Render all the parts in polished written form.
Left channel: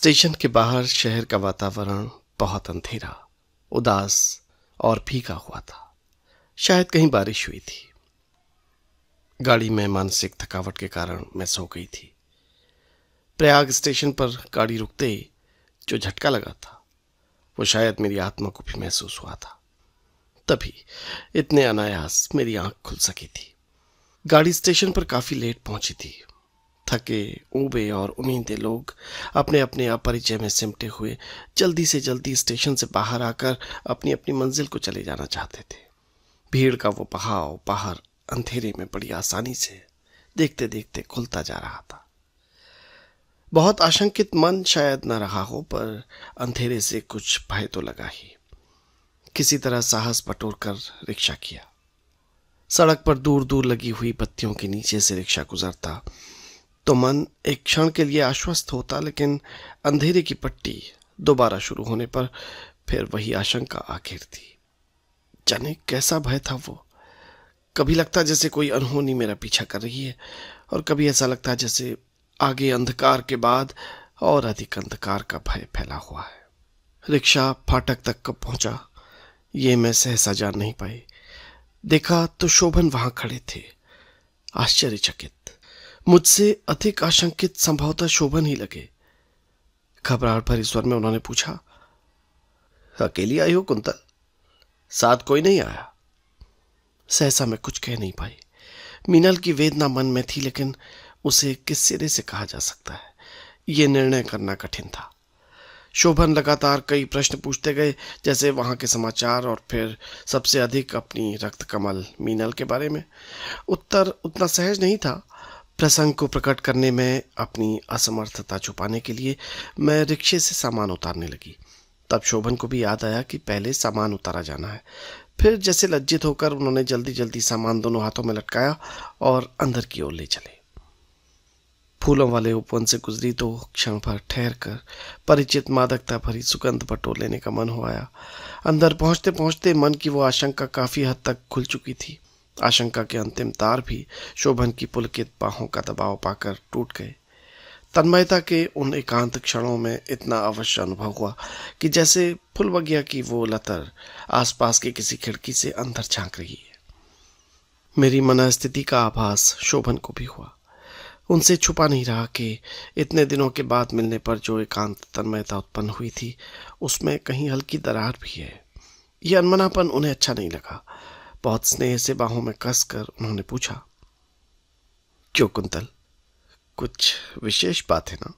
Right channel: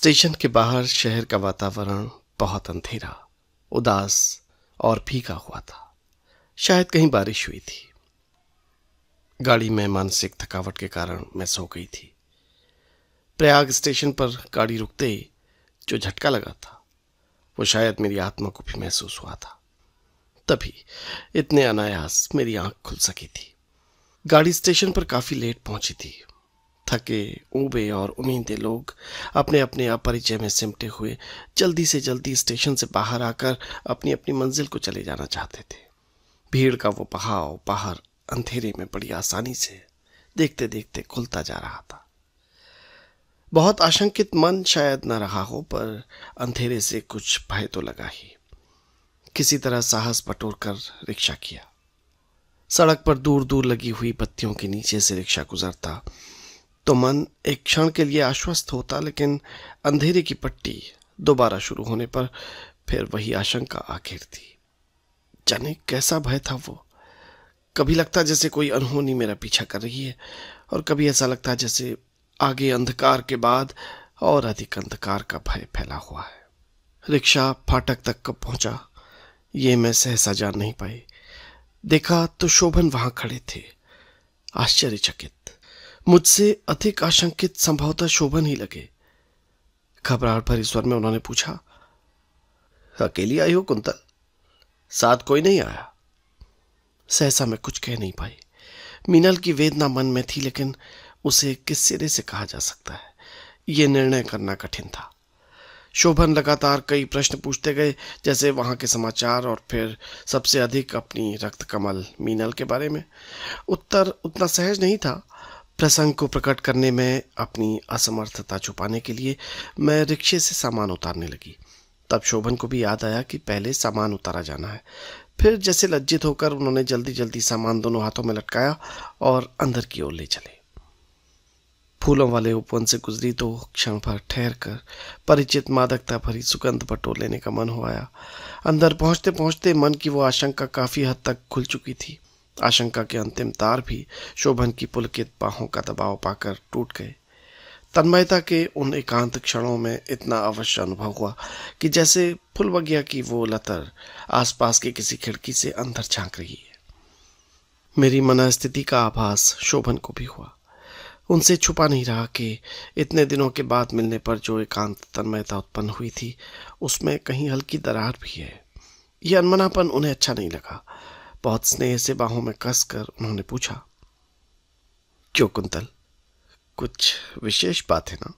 Station के बाहर शहर का वातावरण बहुत अंधेरा, उदास और भीगा हुआ था। शायद कहीं बारिश हुई थी। गाड़ी में मानसिक थकावट के कारण मैं सो गई थी। प्रयाग स्टेशन पर गाड़ी रुकते ही जो झटका लगा था वो शायद मेरी आत्मा को भी महसूस हुआ था। तभी इतने अनायास मेरी आंख खुल सकी थी। गाड़ी स्टेशन पर काफी लेट पहुंची थी। थके, ऊबे और उम्मीदे लोग अपने अपने अपरिचय में सिमटे हुए जल्दी से जल्दी स्टेशन से बाहर आकर अपनी अपनी मंजिल को चले जाना चाहते थे। भीड़ का वो बहाव बाहर अंधेरे में बड़ी आसानी से देखते देखते खुलता जा रहा था। बहुत आशंकित मन शायद न रहा हो, पर अंधेरे से कुछ भय तो लगा ही। किसी तरह साहस बटोरकर रिक्शा किया। सड़क पर दूर दूर लगी हुई बत्तियों के नीचे से रिक्शा गुजरता तो मन एक क्षण के लिए आश्वस्त होता, लेकिन अंधेरे की पट्टी दोबारा शुरू होने पर फिर वही आशंका आ घेरती। जाने कैसा भय था वो। कभी लगता जैसे कोई अनहोनी मेरा पीछा कर रही है, और कभी ऐसा लगता जैसे आगे अंधकार के बाद और अधिक अंधकार का भय फैला हुआ है। रिक्शा फाटक तक कब पहुंचा ये मैं सहसा जान नहीं पाई। देखा तो शोभन वहां खड़े थे, आश्चर्यचकित। मुझसे अधिक आशंकित संभवतः शोभन ही लगे। घबराहट भरे स्वर में उन्होंने पूछा, अकेली आई हो कुंतल? साथ कोई नहीं आया? सहसा मैं कुछ कह नहीं पाई। मीनल की वेदना मन में थी, लेकिन उसे किस सिरे से कहा जा सकता है ये निर्णय करना कठिन था। शोभन लगातार कई प्रश्न पूछते गए, जैसे वहां के समाचार और फिर सबसे अधिक अपनी रक्त कमल मीनल के बारे में। उत्तर उतना सहज नहीं था। प्रसंग को प्रकट करने में अपनी असमर्थता छुपाने के लिए मैं रिक्शे से सामान उतारने लगी। तब शोभन को भी याद आया कि पहले सामान उतारा जाना है। फिर जैसे लज्जित होकर उन्होंने जल्दी जल्दी सामान दोनों हाथों में लटकाया और अंदर की ओर ले चले। फूलों वाले उपवन से गुजरी तो क्षण भर ठहर कर परिचित मादकता भरी सुगंध बटोर लेने का मन हो आया। अंदर पहुंचते पहुंचते मन की वो आशंका काफी हद तक खुल चुकी थी। आशंका के अंतिम तार भी शोभन की पुलकित बाहों का दबाव पाकर टूट गए। तन्मयता के उन एकांत क्षणों में इतना अवश्य अनुभव हुआ कि जैसे फुलबगिया की वो लतर आसपास की किसी खिड़की से अंदर झांक रही है। मेरी मनस्थिति का आभास शोभन को भी हुआ। उनसे छुपा नहीं रहा कि इतने दिनों के बाद मिलने पर जो एकांत तन्मयता उत्पन्न हुई थी उसमें कहीं हल्की दरार भी है। यह अनमनापन उन्हें अच्छा नहीं लगा। बहुत स्नेह से बाहों में कसकर उन्होंने पूछा, क्यों कुंतल, कुछ विशेष बात है ना?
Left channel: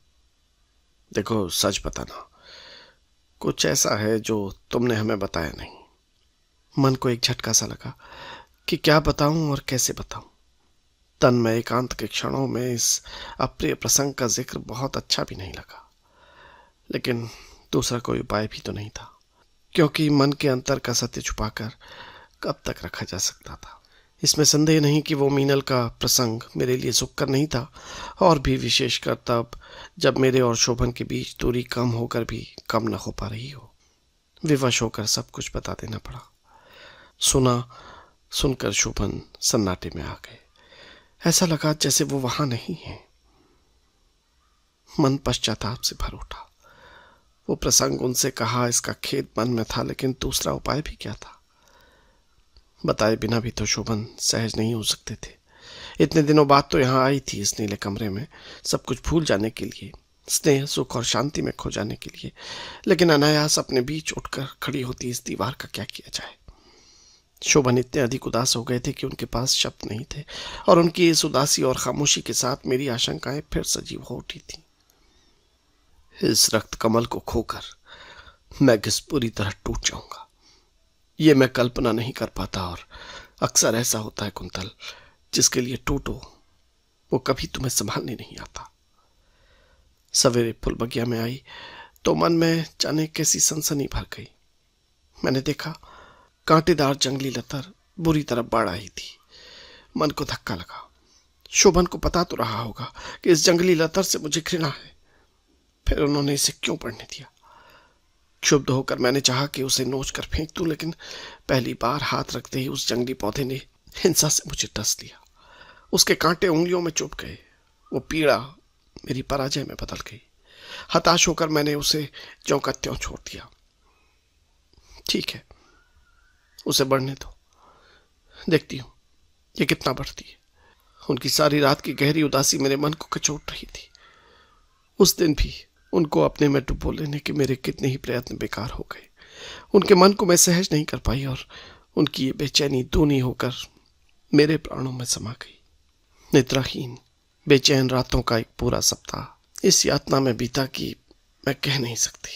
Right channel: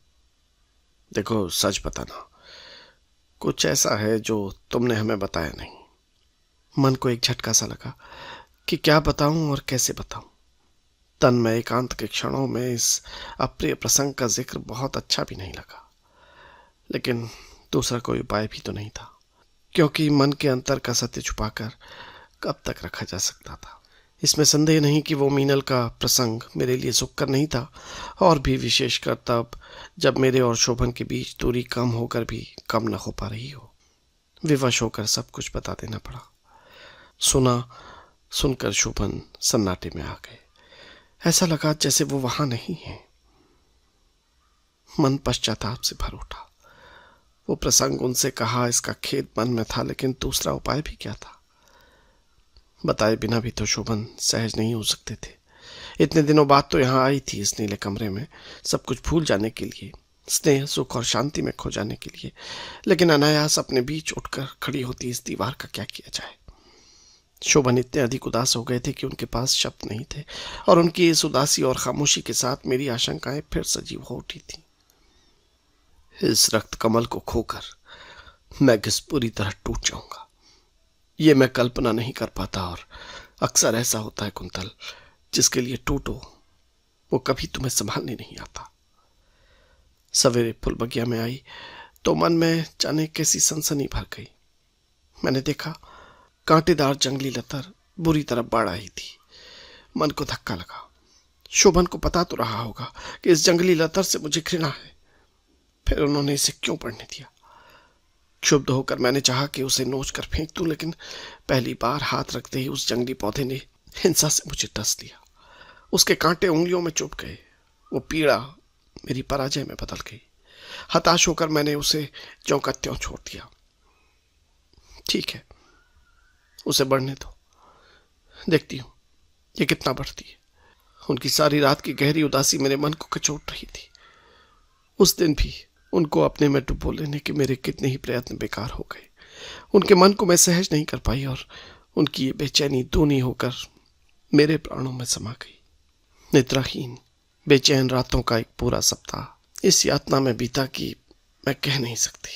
देखो सच बताना, कुछ ऐसा है जो तुमने हमें बताया नहीं। मन को एक झटका सा लगा कि क्या बताऊं और कैसे बताऊं। तन में एकांत के क्षणों में इस अप्रिय प्रसंग का जिक्र बहुत अच्छा भी नहीं लगा, लेकिन दूसरा कोई उपाय भी तो नहीं था, क्योंकि मन के अंतर का सत्य छुपाकर कब तक रखा जा सकता था। इसमें संदेह नहीं कि वो मीनल का प्रसंग मेरे लिए सुखकर नहीं था, और भी विशेषकर तब जब मेरे और शोभन के बीच दूरी कम होकर भी कम न हो पा रही हो। विवश होकर सब कुछ बता देना पड़ा। सुनकर शोभन सन्नाटे में आ गए। ऐसा लगा जैसे वो वहां नहीं है। मन पश्चाताप से भर उठा। वो प्रसंग उनसे कहा इसका खेद मन में था, लेकिन दूसरा उपाय भी क्या था? बताए बिना भी तो शोभन सहज नहीं हो सकते थे। इतने दिनों बाद तो यहाँ आई थी इस नीले कमरे में, सब कुछ भूल जाने के लिए, स्नेह सुख और शांति में खो जाने के लिए, लेकिन अनायास अपने बीच उठकर खड़ी होती इस दीवार का क्या किया जाए? शोभन इतने अधिक उदास हो गए थे कि उनके पास शब्द नहीं थे, और उनकी इस उदासी और खामोशी के साथ मेरी आशंकाएं फिर सजीव हो उठी थी। इस रक्त कमल को खोकर मैं किस पूरी तरह टूट जाऊंगा ये मैं कल्पना नहीं कर पाता, और अक्सर ऐसा होता है कुंतल, जिसके लिए टूटो वो कभी तुम्हें संभालने नहीं आता। सवेरे फुलबगिया में आई तो मन में जाने कैसी सनसनी भर गई। मैंने देखा कांटेदार जंगली लतर बुरी तरह बढ़ आई थी। मन को धक्का लगा। शोभन को पता तो रहा होगा कि इस जंगली लतर से मुझे घृणा है, फिर उन्होंने इसे क्यों पढ़ने दिया? क्षुब्ध होकर मैंने चाहा कि उसे नोच कर फेंक दूं, लेकिन पहली बार हाथ रखते ही उस जंगली पौधे ने हिंसा से मुझे डस लिया। उसके कांटे उंगलियों में चुभ गए। वो पीड़ा मेरी पराजय में बदल गई। हताश होकर मैंने उसे ज्यों का त्यों छोड़ दिया। ठीक है, उसे बढ़ने दो, देखती हूं ये कितना बढ़ती है। उनकी सारी रात की गहरी उदासी मेरे मन को कचोट रही थी। उस दिन भी उनको अपने में डुबो लेने के मेरे कितने ही प्रयत्न बेकार हो गए। उनके मन को मैं सहज नहीं कर पाई और उनकी ये बेचैनी दूनी होकर मेरे प्राणों में समा गई। निद्राहीन बेचैन रातों का एक पूरा सप्ताह इस यातना में बीता कि मैं कह नहीं सकती।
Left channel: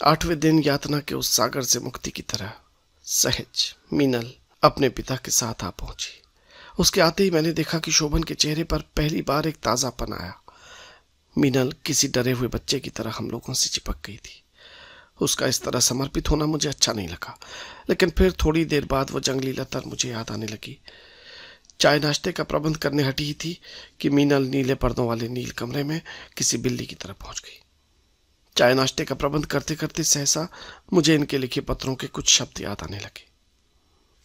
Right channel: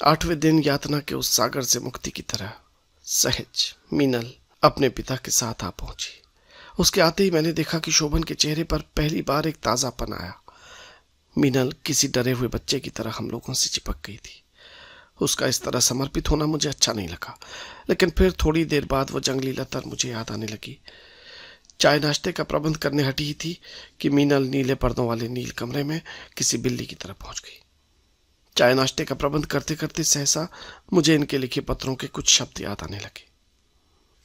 8वें दिन यातना के उस सागर से मुक्ति की तरह सहज मीनल अपने पिता के साथ आ पहुंची। उसके आते ही मैंने देखा कि शोभन के चेहरे पर पहली बार एक ताजापन आया। मीनल किसी डरे हुए बच्चे की तरह हम लोगों से चिपक गई थी। उसका इस तरह समर्पित होना मुझे अच्छा नहीं लगा, लेकिन फिर थोड़ी देर बाद वो जंगली लतर मुझे याद आने लगी। चाय नाश्ते का प्रबंध करने हटी ही थी कि मीनल नीले पर्दों वाले नील कमरे में किसी बिल्ली की तरह पहुंच गई। चाय नाश्ते का प्रबंध करते करते सहसा मुझे इनके लिखे पत्रों के कुछ शब्द याद आने लगे।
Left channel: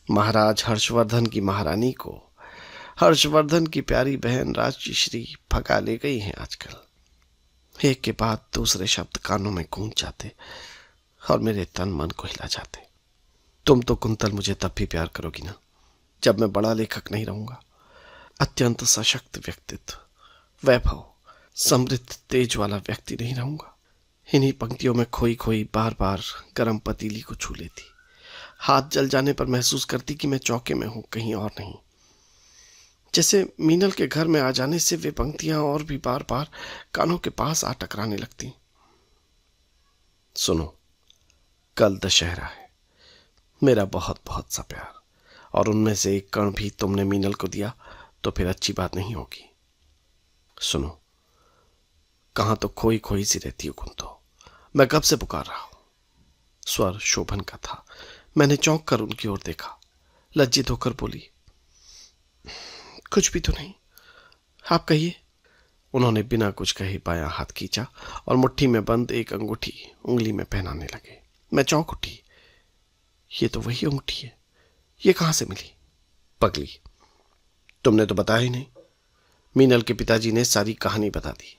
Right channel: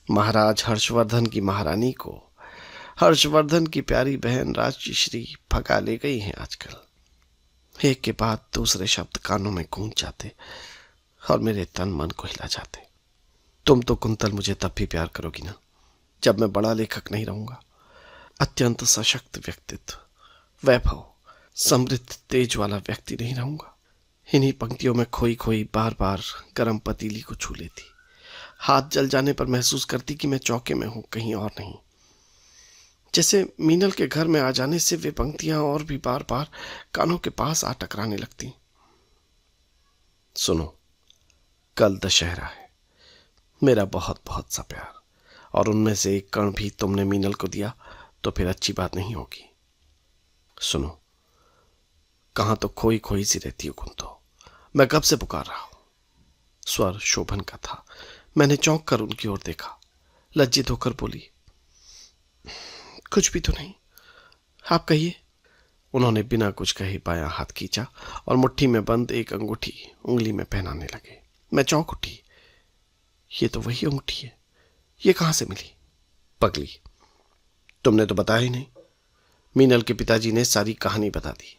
महाराज हर्षवर्धन की महारानी को हर्षवर्धन की प्यारी बहन राजश्री भगा ले गई हैं आजकल। एक के बाद दूसरे शब्द कानों में गूंज जाते और मेरे तन मन को हिला जाते। तुम तो कुंतल मुझे तब भी प्यार करोगी ना, जब मैं बड़ा लेखक नहीं रहूंगा। अत्यंत सशक्त व्यक्तित्व, वैभव, समृद्ध तेज वाला व्यक्ति नहीं रहूंगा। इन्हीं पंक्तियों में खोई खोई बार बार गर्म पतीली को छू लेती। हाथ जल जाने पर महसूस करती कि मैं चौके में हूं, कहीं और नहीं। जैसे मीनल के घर में आ जाने से वे पंक्तियां और भी बार बार कानों के पास आ टकराने लगती। सुनो, कल दशहरा है। मेरा बहुत बहुत सा प्यार, और उनमें से एक कण भी तुमने मीनल को दिया तो फिर अच्छी बात नहीं होगी। सुनो, कहां तो खोई खोई सी रहती हो तुम तो। मैं कब से पुकार रहा हूं। स्वर शोभन का था। मैंने चौंक कर उनकी ओर देखा। लज्जित होकर बोली, कुछ भी तो नहीं, आप कहिए। उन्होंने बिना कुछ कहे बायां हाथ खींचा और मुट्ठी में बंद एक अंगूठी उंगली में पहनाने लगे। मैं चौंक उठी। ये तो वही अंगूठी है, ये कहां से मिली? पगली, तुमने तो बताया ही नहीं। मीनल के पिताजी ने सारी कहानी बता दी,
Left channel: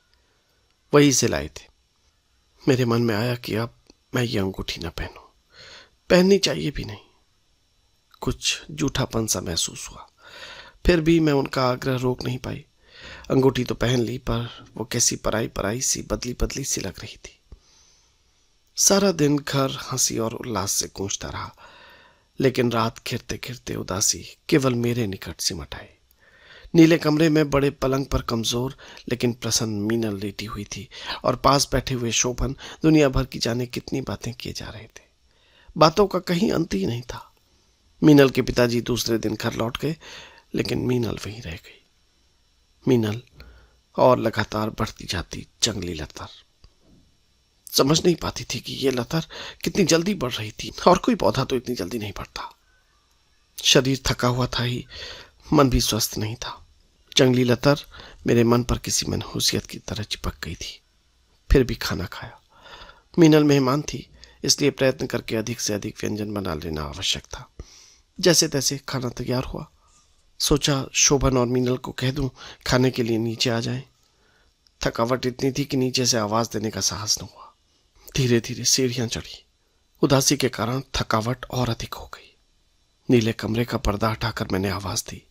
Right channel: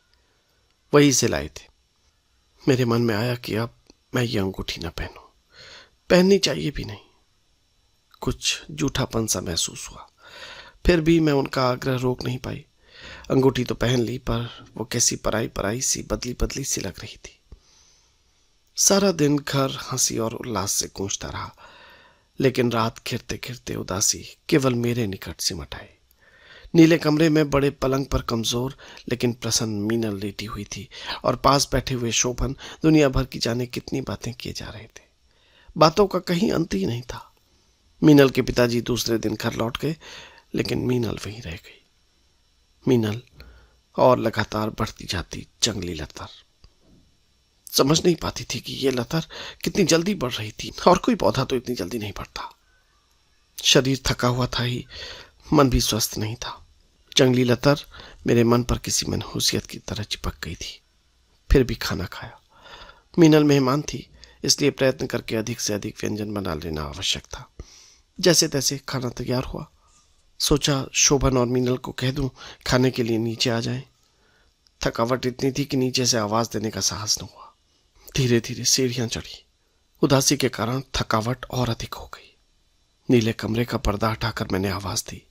वही से लाए थे। मेरे मन में आया कि अब मैं ये अंगूठी न पहनूं, पहननी चाहिए भी नहीं। कुछ जूठापन सा महसूस हुआ, फिर भी मैं उनका आग्रह रोक नहीं पाई। अंगूठी तो पहन ली, पर वो कैसी पराई पराई सी बदली बदली सी लग रही थी। सारा दिन घर हंसी और उल्लास से गूंजता रहा, लेकिन रात घिरते घिरते उदासी केवल मेरे निकट सिमट आई। नीले कमरे में बड़े पलंग पर कमजोर लेकिन प्रसन्न मीनल लेटी हुई थी और पास बैठे हुए शोभन दुनिया भर की जाने कितनी बातें किए जा रहे थे। बातों का कहीं अंत ही नहीं था। मीनल के पिताजी दूसरे दिन घर लौट गए, लेकिन मीनल वहीं रह गई। मीनल और लगातार बढ़ती जाती जंगली लतर। समझ नहीं पाती थी कि ये लतर कितनी जल्दी बढ़ रही थी, और कोई पौधा तो इतनी जल्दी नहीं बढ़ता। शरीर थका हुआ था ही, मन भी स्वस्थ नहीं था। जंगली लतर मेरे मन पर किसी मनहूसियत की तरह चिपक गई थी। फिर भी खाना खाया। मीनल मेहमान थी, इसलिए प्रयत्न करके अधिक से अधिक व्यंजन बना लेना आवश्यक था। जैसे तैसे खाना तैयार हुआ। सोचा शोभन और मीनल को कह दूं खाने के लिए नीचे आ जाएं। थकावट इतनी थी कि नीचे से आवाज देने का साहस न हुआ। धीरे धीरे सीढ़ियां चढ़ी। उदासी के कारण थकावट और अधिक हो गई। नीले कमरे का पर्दा हटाकर मैंने आवाज दी,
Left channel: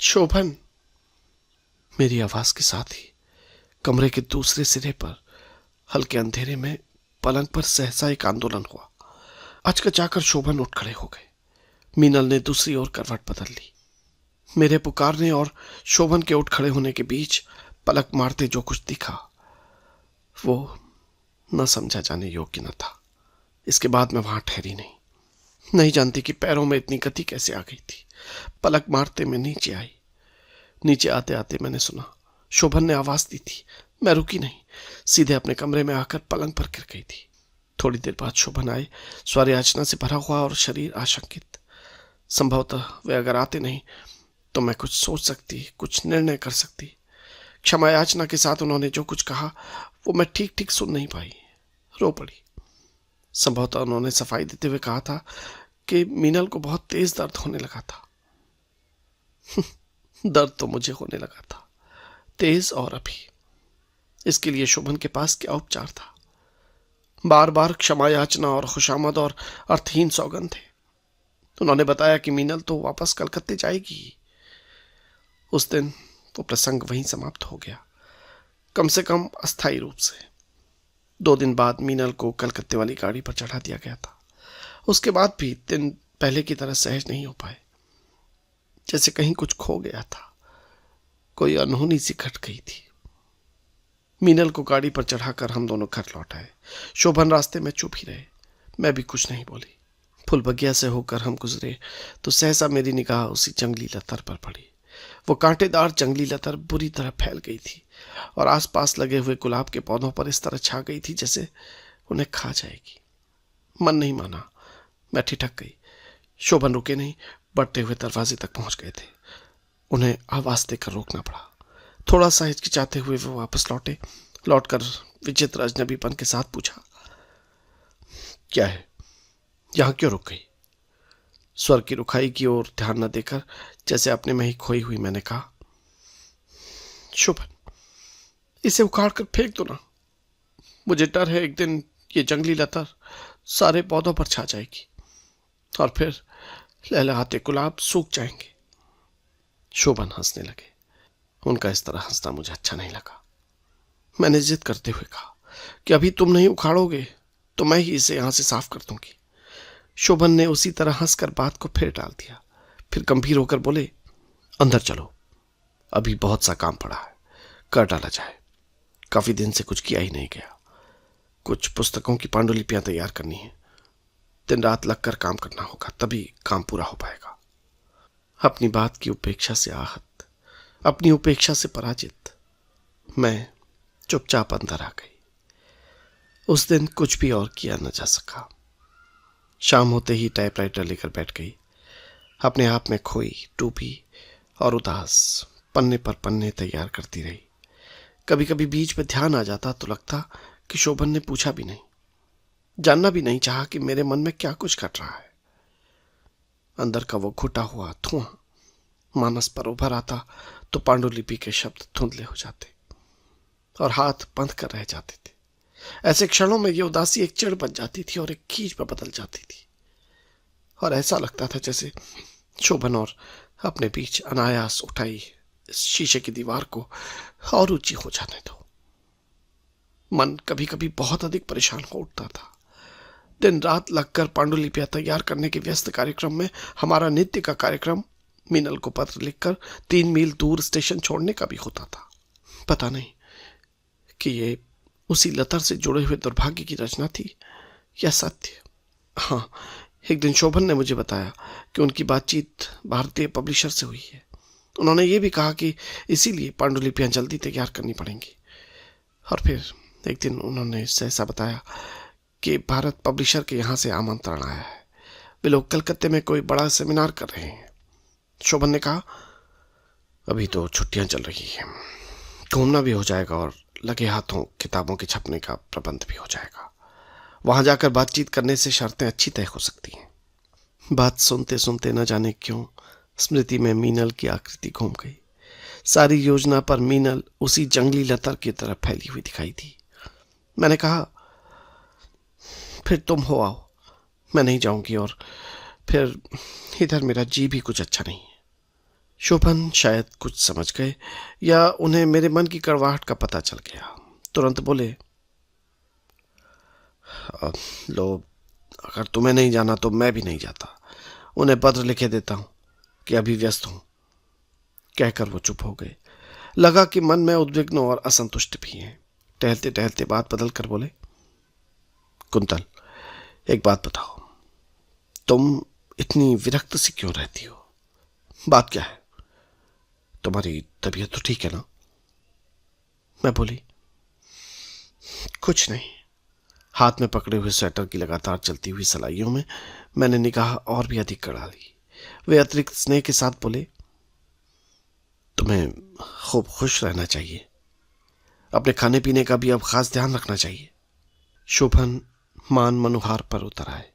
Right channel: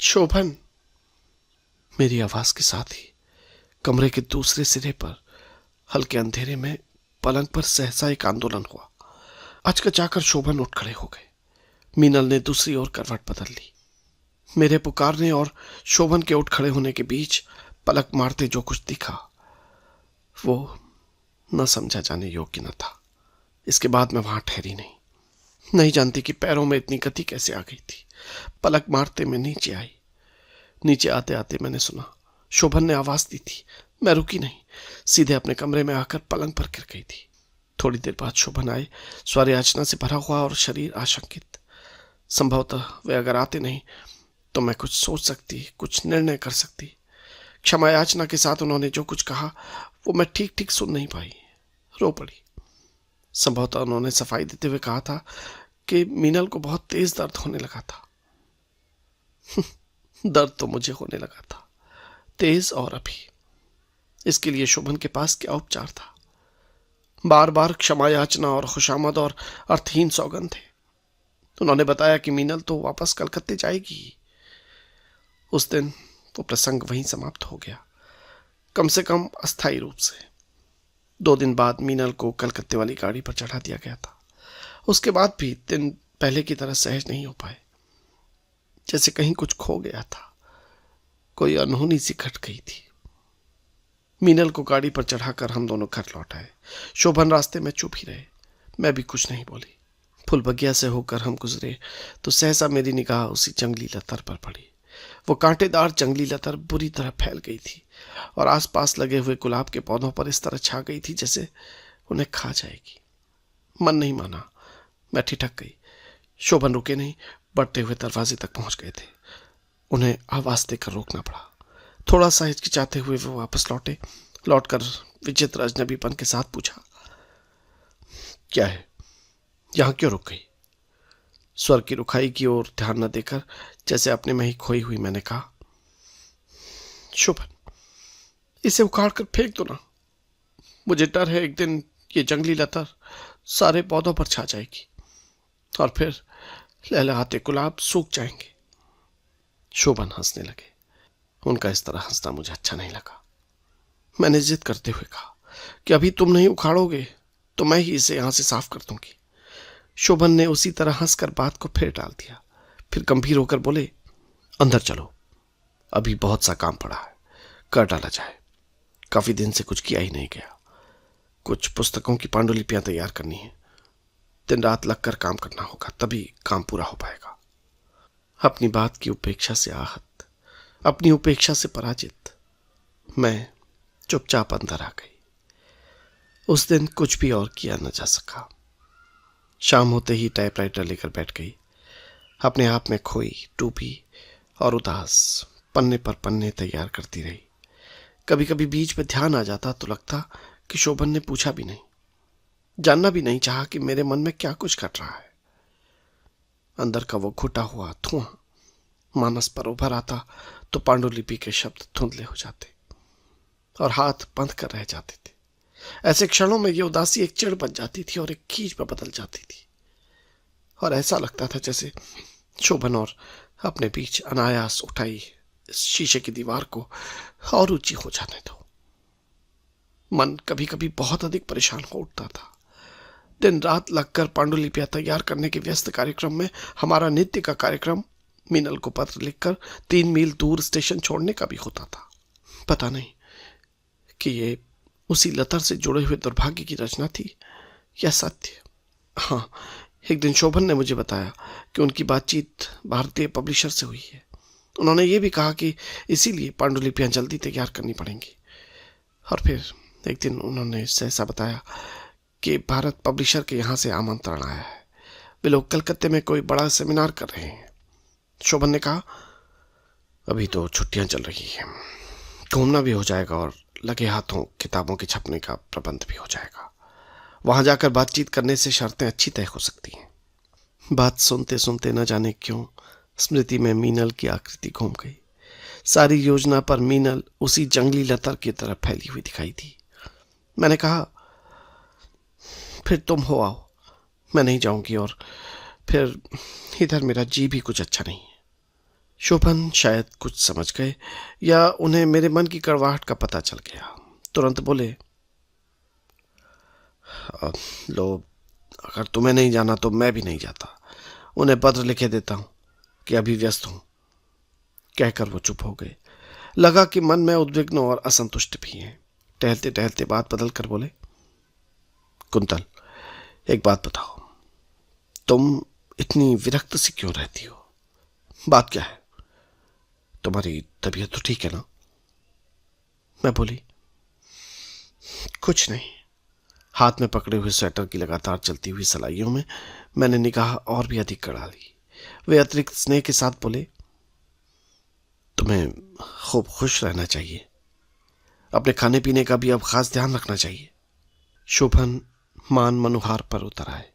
शोभन। मेरी आवाज के साथ ही कमरे के दूसरे सिरे पर हल्के अंधेरे में पलंग पर सहसा एक आंदोलन हुआ। अचकचाकर शोभन उठ खड़े हो गए। मीनल ने दूसरी ओर करवट बदल ली। मेरे पुकारने और शोभन के उठ खड़े होने के बीच पलक मारते जो कुछ दिखा वो न समझा जाने योग्य न था। इसके बाद मैं वहां ठहरी नहीं जानती कि पैरों में इतनी गति कैसे आ गई थी। पलक मारते मैं नीचे आई। नीचे आते आते मैंने सुना शोभन ने आवाज दी थी। मैं रुकी नहीं, सीधे अपने कमरे में आकर पलंग पर गिर गई थी। थोड़ी देर बाद शोभन आए, स्वर याचना से भरा हुआ और शरीर आशंकित। संभवतः वे अगर आते नहीं तो मैं कुछ सोच सकती, कुछ निर्णय कर सकती। क्षमा याचना के साथ उन्होंने जो कुछ कहा वो मैं ठीक ठीक सुन नहीं पाई। रो पड़ी। संभवतः उन्होंने सफाई देते हुए कहा था कि मीनल को बहुत तेज दर्द होने लगा था। दर्द तो मुझे होने लगा था, तेज और अभी। इसके लिए शोभन के पास क्या उपचार था? बार बार क्षमा याचना और खुशामद और अर्थहीन सौगंध थे। उन्होंने बताया कि मीनल तो वापस कलकत्ते जाएगी। उस दिन वो प्रसंग वहीं समाप्त हो गया, कम से कम अस्थायी रूप से। 2 दिन बाद मीनल को कलकत्ते वाली गाड़ी पर चढ़ा दिया गया था। उसके बाद भी दिन पहले की तरह सहज नहीं हो पाए, जैसे कहीं कुछ खो गया था। कोई अनहोनी सी घट गई थी। मीनल को गाड़ी पर चढ़ाकर हम दोनों घर लौट आए। शोभन रास्ते में चुप ही रहे। मैं भी कुछ नहीं बोली। फूल बगिया से होकर हम गुजरे तो सहसा मेरी निगाह उसी जंगली लतर पर पड़ी। वो कांटेदार जंगली लतर बुरी तरह फैल गई थी और आसपास लगे हुए गुलाब के पौधों पर इस तरह छा गई थी जैसे उन्हें खा जाएगी। मन नहीं माना, मैं ठिठक गई। शोभन रुके नहीं, बढ़ते हुए दरवाजे तक पहुंच गए थे। उन्हें आवाज देकर रोकना पड़ा। थोड़ा सा हिचकिचाते हुए वो वापस लौटे। लौटकर विचित्र अजनबीपन के साथ पूछा, क्या है, यहां क्यों रुक गई? स्वर की रुखाई की ओर ध्यान न देकर जैसे अपने में ही खोई हुई मैंने कहा, शोभन, इसे उखाड़ कर फेंक दो ना। मुझे डर है एक दिन ये जंगली लतर सारे पौधों पर छा जाएगी और फिर लहलहाते गुलाब सूख जाएंगे। शोभन हंसने लगे। उनका इस तरह हंसना मुझे अच्छा नहीं लगा। मैंने जिद करते हुए कहा कि अभी तुम नहीं उखाड़ोगे तो मैं ही इसे यहां से साफ कर दूंगी। शोभन ने उसी तरह हंसकर बात को फिर डाल दिया। फिर गंभीर होकर बोले, अंदर चलो, अभी बहुत सा काम पड़ा है, कर डाला जाए। काफी दिन से कुछ किया ही नहीं गया। कुछ पुस्तकों की पांडुलिपियां तैयार करनी है। दिन रात लगकर काम करना होगा, तभी काम पूरा हो पाएगा। अपनी बात की उपेक्षा से आहत, अपनी उपेक्षा से पराजित, मैं चुपचाप अंदर आ गई। उस दिन कुछ भी और किया न जा सका। शाम होते ही टाइपराइटर लेकर बैठ गई। अपने आप में खोई, टूपी और उदास पन्ने पर पन्ने तैयार करती रही। कभी कभी बीच में ध्यान आ जाता तो लगता कि शोभन ने पूछा भी नहीं, जानना भी नहीं चाहा कि मेरे मन में क्या कुछ घट रहा है। अंदर का वो घुटा हुआ धुआं मानस पर उभर आता तो पांडुलिपि के शब्द धुंधले हो जाते और हाथ बंद कर रह जाते थे। ऐसे क्षणों में ये उदासी एक चिढ़ बन जाती थी और एक खींच में बदल जाती थी और ऐसा लगता था जैसे शोभन और अपने बीच अनायास उठाई इस शीशे की दीवार को और ऊंची हो जाने दो। मन कभी कभी बहुत अधिक परेशान हो उठता था। दिन रात लगकर पांडुलिपियां तैयार करने के व्यस्त कार्यक्रम में हमारा नित्य का कार्यक्रम मीनल को पत्र लिखकर 3 मील दूर स्टेशन छोड़ने का भी होता था। पता नहीं कि ये उसी लतर से जुड़े हुए दुर्भाग्य की रचना थी या सत्य। हाँ, एक दिन शोभन ने मुझे बताया कि उनकी बातचीत भारतीय पब्लिशर से हुई है। उन्होंने ये भी कहा कि इसीलिए पांडुलिपियां जल्दी तैयार करनी पड़ेंगी। और फिर एक दिन उन्होंने सहसा बताया कि भारत पब्लिशर के यहाँ से आमंत्रण आया है। वे लोग कलकत्ते में कोई बड़ा सेमिनार कर रहे हैं। शोभन ने कहा, अभी तो छुट्टियां चल रही हैं, घूमना भी हो जाएगा और लगे हाथों किताबों के छपने का प्रबंध भी हो जाएगा। वहां जाकर बातचीत करने से शर्तें अच्छी तय हो सकती हैं। बात सुनते सुनते न जाने क्यों स्मृति में मीनल की आकृति घूम गई। सारी योजना पर मीनल उसी जंगली लतर की तरह फैली हुई दिखाई थी। मैंने कहा, फिर तुम हो आओ, मैं नहीं जाऊंगी और फिर इधर मेरा जी भी कुछ अच्छा नहीं है। शोभन शायद कुछ समझ गए या उन्हें मेरे मन की कड़वाहट का पता चल गया। तुरंत बोले, लो, अगर तुम्हें नहीं जाना तो मैं भी नहीं जाता। उन्हें पत्र लिखे देता हूं कि अभी व्यस्त हूं। कहकर वो चुप हो गए। लगा कि मन में उद्विग्न और असंतुष्ट भी हैं। टहलते टहलते बात बदल कर बोले, कुंतल, एक बात बताओ, तुम इतनी विरक्त सी क्यों रहती हो? बात क्या है? तुम्हारी तबीयत तो ठीक है ना? मैं बोली, कुछ नहीं। हाथ में पकड़े हुए स्वेटर की लगातार चलती हुई सलाइयों में मैंने निगाह और भी अधिक गड़ा ली। वे अतिरिक्त स्नेह के साथ बोले, तुम्हें खूब खुश रहना चाहिए। अपने खाने पीने का भी अब खास ध्यान रखना चाहिए। शोभन मान मनोहार पर उतर आए।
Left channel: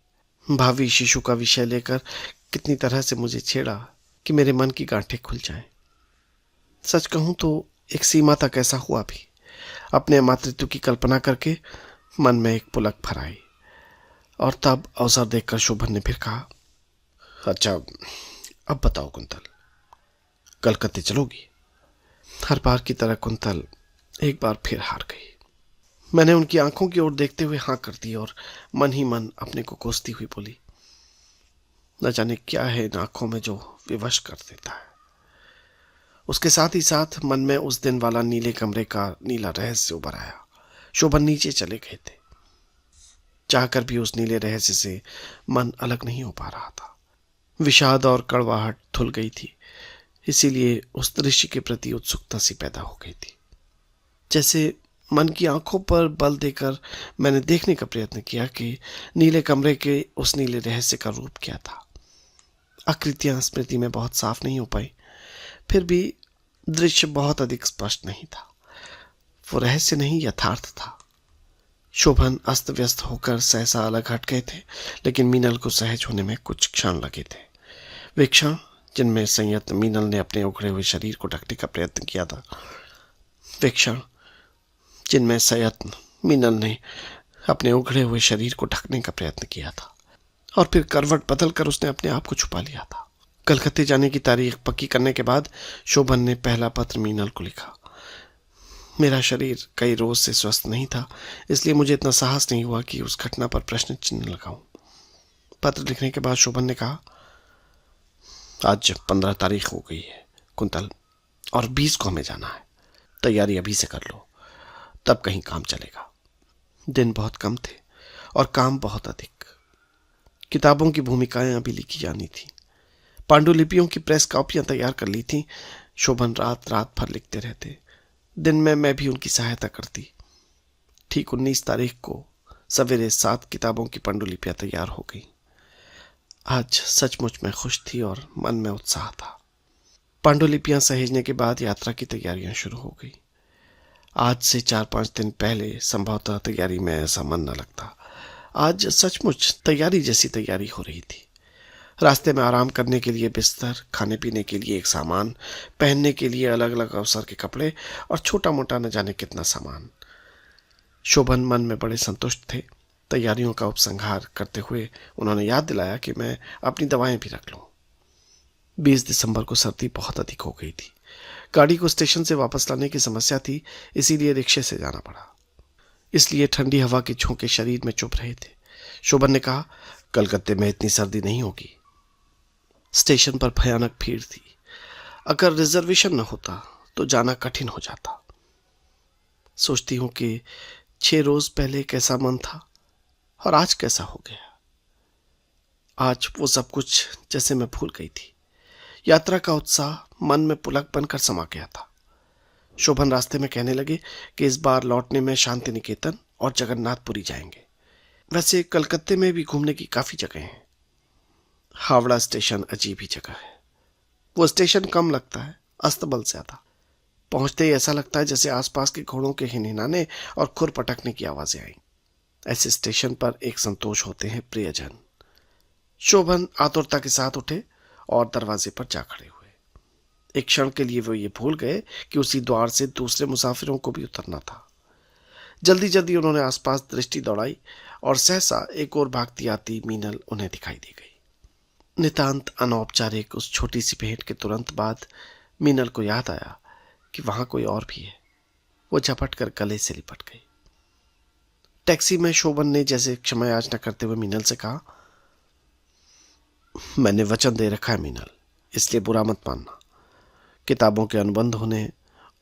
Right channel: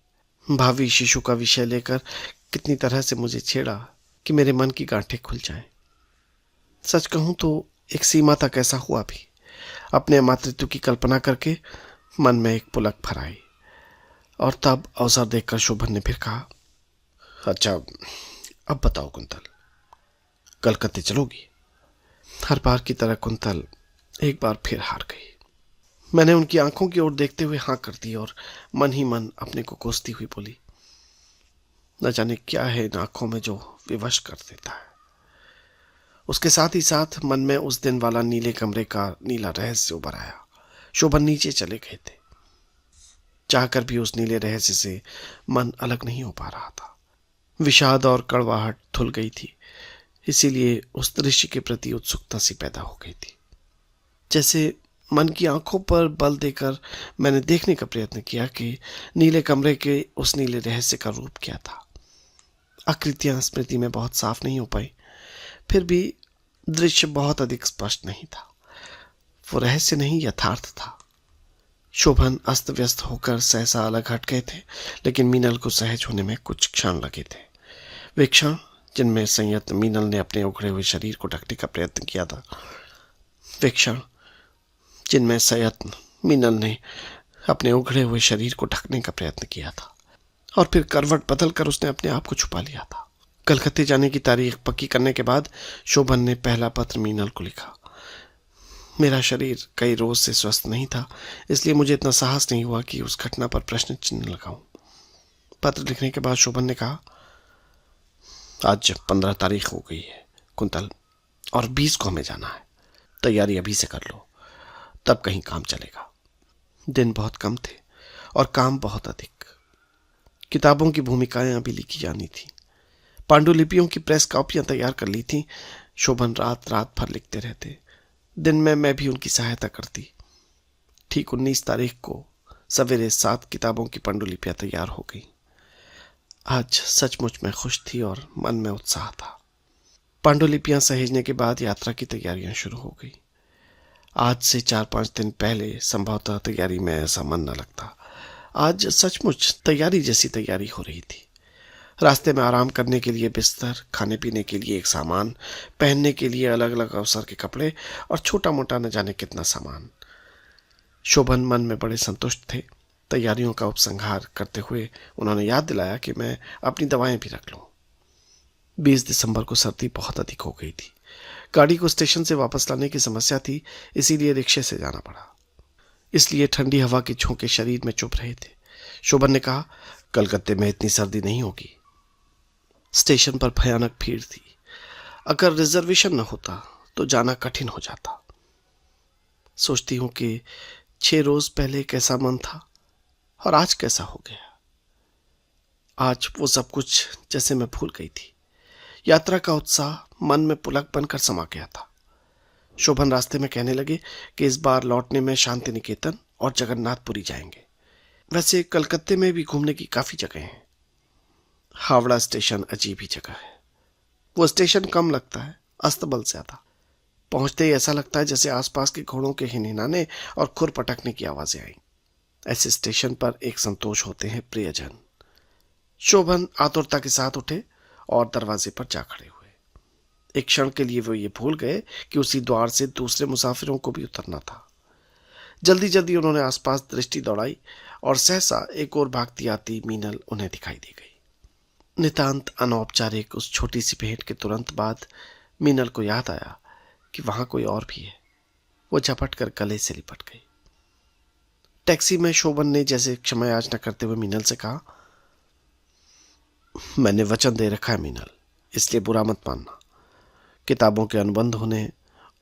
भावी शिशु का विषय लेकर कितनी तरह से मुझे छेड़ा कि मेरे मन की गांठें खुल जाएं। सच कहूं तो एक सीमा तक ऐसा हुआ भी। अपने मातृत्व की कल्पना करके मन में एक पुलक भर आई। और तब अवसर देखकर शोभन ने फिर कहा, अच्छा अब बताओ कुंतल, कलकत्ते चलोगी? हर बार की तरह कुंतल एक बार फिर हार गई। मैंने उनकी आंखों की ओर देखते हुए हाँ कर दी और मन ही मन अपने को कोसती हुई बोली, न जाने क्या है इन आंखों में जो विवश कर देता है। उसके साथ ही साथ मन में उस दिन वाला नीले कमरे का नीला रहस्य उभर आया। शोभन नीचे चले गए थे। चाहकर भी उस नीले रहस्य से मन अलग नहीं हो पा रहा था। विषाद और कड़वाहट धुल गई थी, इसीलिए उस दृश्य के प्रति उत्सुकता सी पैदा हो गई थी। जैसे मन की आंखों पर बल देकर मैंने देखने का प्रयत्न किया कि नीले कमरे के उस नीले रहस्य का रूप क्या था। आकृतियां स्मृति में बहुत साफ नहीं हो पाई, फिर भी दृश्य बहुत अधिक स्पष्ट नहीं था। वो रहस्य नहीं, यथार्थ था। शोभन अस्त व्यस्त होकर सहसा अलग हट गए थे, लेकिन मीनल को सहज होने में कुछ क्षण लगे थे। वे क्षण जिनमें संयत मीनल ने अपने उखड़े हुए शरीर को ढकने का प्रयत्न किया था। वे क्षण जिनमें संयत मीनल ने अपने उखड़े हुए शरीर को ढकने का प्रयत्न किया था और फिर करवट बदलकर उसने अपने आप को छुपा लिया था। कलकत्ते जाने की तारीख पक्की करने के बाद शोभन ने पहला पत्र मीनल को लिखा। मेरा शरीर कई रोज से स्वस्थ नहीं था, इसलिए मुझे इतना साहस नहीं हुआ कि उस घटना पर प्रश्न चिन्ह लगाऊं। पत्र लिखने के बाद शोभन ने कहा, आज 15 तारीख हो गई है कुंतल, और 20 को हमें जाना है। तैयारी अभी से कर लो, तब कहीं काम चलेगा। दिन बहुत कम थे और काम बहुत अधिक। किताबों की भूमिकाएं अभी लिखी जानी थी। पांडुलिपियों की प्रेस कॉपियां तैयार कर ली थी। शोभन रात रात भर लिखते रहते। दिन में मैं भी उनकी सहायता करती। ठीक 19 तारीख को सवेरे 7 किताबों की पांडुलिपियां तैयार हो गई। आज सचमुच मैं खुश थी और मन में उत्साह था। पांडुलिपियां सहेजने के बाद यात्रा की तैयारियां शुरू हो गई। आज से 4-5 दिन पहले संभवतः तैयारी में ऐसा मन न लगता। आज सचमुच तैयारी जैसी तैयारी हो रही थी। रास्ते में आराम करने के लिए बिस्तर, खाने पीने के लिए एक सामान, पहनने के लिए अलग अलग अवसर के कपड़े और छोटा मोटा न जाने कितना सामान। शोभन मन में बड़े संतुष्ट थे। तैयारियों का उपसंहार करते हुए उन्होंने याद दिलाया कि मैं अपनी दवाएं भी रख लूं। 20 दिसंबर को सर्दी बहुत अधिक हो गई थी। गाड़ी को स्टेशन से वापस लाने की समस्या थी, इसीलिए रिक्शे से जाना पड़ा। इसलिए ठंडी हवा के झोंके शरीर में चुभ रहे थे। शोभन ने कहा, कलकत्ते में इतनी सर्दी नहीं होगी। स्टेशन पर भयानक भीड़ थी। अगर रिजर्वेशन न होता तो जाना कठिन हो जाता। सोचती हूं कि 6 रोज पहले कैसा मन था और आज कैसा हो गया। आज वो सब कुछ जैसे मैं भूल गई थी। यात्रा का उत्साह मन में पुलक बनकर समा गया था। शोभन रास्ते में कहने लगे कि इस बार लौटने में शांति निकेतन और जगन्नाथपुरी जाएंगे। वैसे कलकत्ते में भी घूमने की काफी जगह हैं। हावड़ा स्टेशन अजीब ही जगह है। वो स्टेशन कम लगता है, अस्तबल ज्यादा। पहुंचते ही ऐसा लगता है जैसे आसपास के घोड़ों के हिनहिनाने और खुर पटकने की आवाजें आई। ऐसे स्टेशन पर एक संतोष होते हैं प्रियजन। शोभन आतुरता के साथ उठे और दरवाजे पर जा खड़े हुए। एक क्षण के लिए वो ये भूल गए कि उसी द्वार से दूसरे मुसाफिरों को भी उतरना था। जल्दी जल्दी उन्होंने आसपास दृष्टि दौड़ाई और सहसा एक और भागती आती मीनल उन्हें दिखाई दी गई। नितांत अनौपचारिक उस छोटी सी भेंट के तुरंत बाद मीनल को याद आया कि वहां कोई और भी है। वो झपट कर गले से लिपट गई। टैक्सी में शोभन ने जैसे क्षमा याचना करते हुए मीनल से कहा, मैंने वचन दे रखा है मीनल, इसलिए बुरा मत मानना। किताबों के अनुबंध होने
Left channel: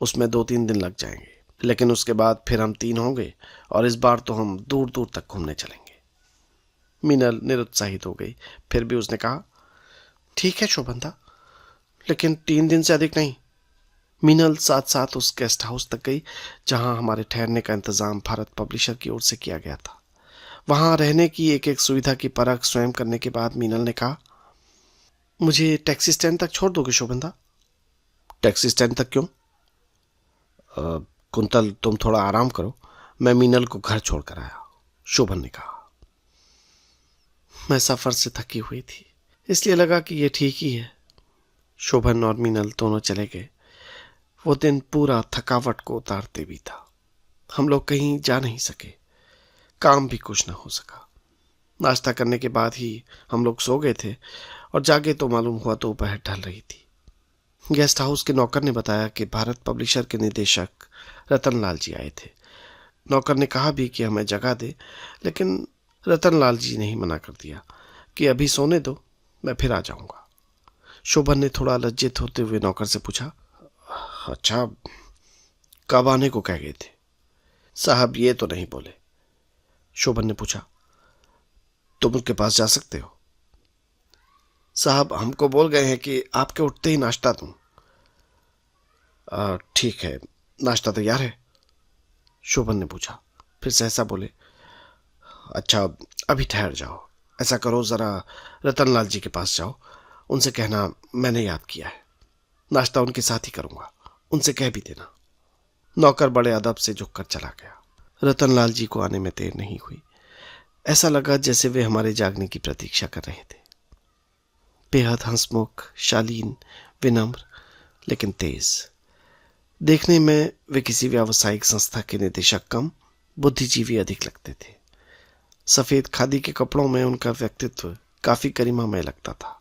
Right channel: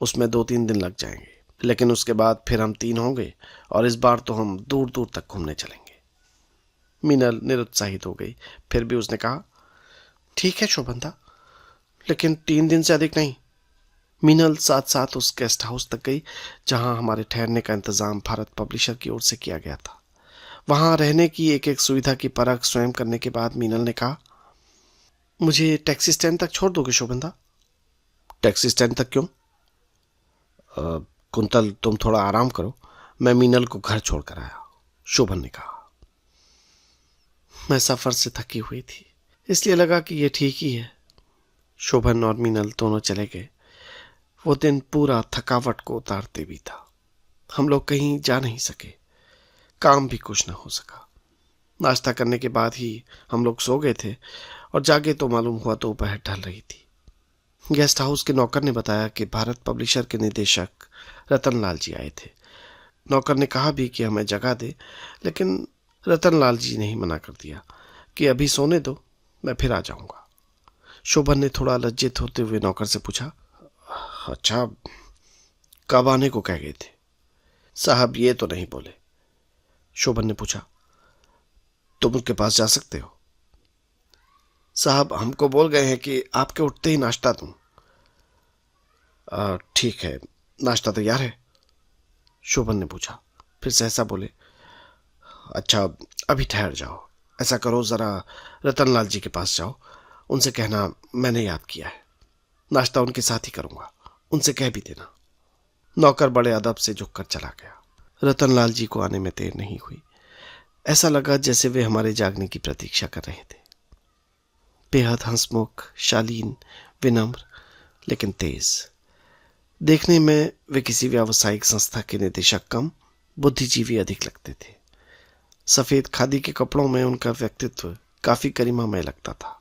उसमें 2-3 दिन लग जाएंगे, लेकिन उसके बाद फिर हम 3 होंगे और इस बार तो हम दूर दूर तक घूमने चलेंगे। मीनल निरुत्साहित हो गई। फिर भी उसने कहा, ठीक है शोभनदा, लेकिन 3 दिन से अधिक नहीं। मीनल साथ साथ उस गेस्ट हाउस तक गई जहां हमारे ठहरने का इंतजाम भारत पब्लिशर की ओर से किया गया था। वहां रहने की एक एक सुविधा की परख स्वयं करने के बाद मीनल ने कहा, मुझे टैक्सी स्टैंड तक छोड़ दोगे शोभनदा? टैक्सी स्टैंड तक क्यों? कुंतल तुम थोड़ा आराम करो, मैं मीनल को घर छोड़कर आया, शोभन ने कहा। मैं सफर से थकी हुई थी, इसलिए लगा कि यह ठीक ही है। शोभन और मीनल दोनों चले गए। वो दिन पूरा थकावट को उतारते भी था। हम लोग कहीं जा नहीं सके, काम भी कुछ न हो सका। नाश्ता करने के बाद ही हम लोग सो गए थे और जागे तो मालूम हुआ तो दोपहर ढल रही थी। गेस्ट हाउस के नौकर ने बताया कि भारत पब्लिशर के निदेशक रतनलाल जी आए थे। नौकर ने कहा भी कि हमें जगह दे, लेकिन रतनलाल जी ने ही मना कर दिया कि अभी सोने दो, मैं फिर आ जाऊंगा। शोभन ने थोड़ा लज्जित होते हुए नौकर से पूछा, अच्छा, कब आने को कह गए थे? साहब ये तो नहीं बोले। शोभन ने पूछा, तुम उनके पास जा सकते हो? साहब हमको बोल गए हैं कि आपके उठते ही नाश्ता दूं। ठीक है, नाश्ता तैयार है? शोभन ने पूछा। फिर सहसा बोले, अच्छा अभी ठहर जाओ, ऐसा करो जरा रतनलाल जी के पास जाओ, उनसे कहना मैंने याद किया है, नाश्ता उनके साथ ही करूंगा, उनसे कह भी देना। नौकर बड़े अदब से झुककर चला गया। रतनलाल जी को आने में देर नहीं हुई। ऐसा लगा जैसे वे हमारे जागने की प्रतीक्षा कर रहे थे। बेहद हंसमुख, शालीन, विनम्र, लेकिन तेज। देखने में वे किसी व्यावसायिक संस्था के निदेशक कम, बुद्धिजीवी अधिक लगते थे। सफेद खादी के कपड़ों में उनका व्यक्तित्व काफी गरिमामय लगता था।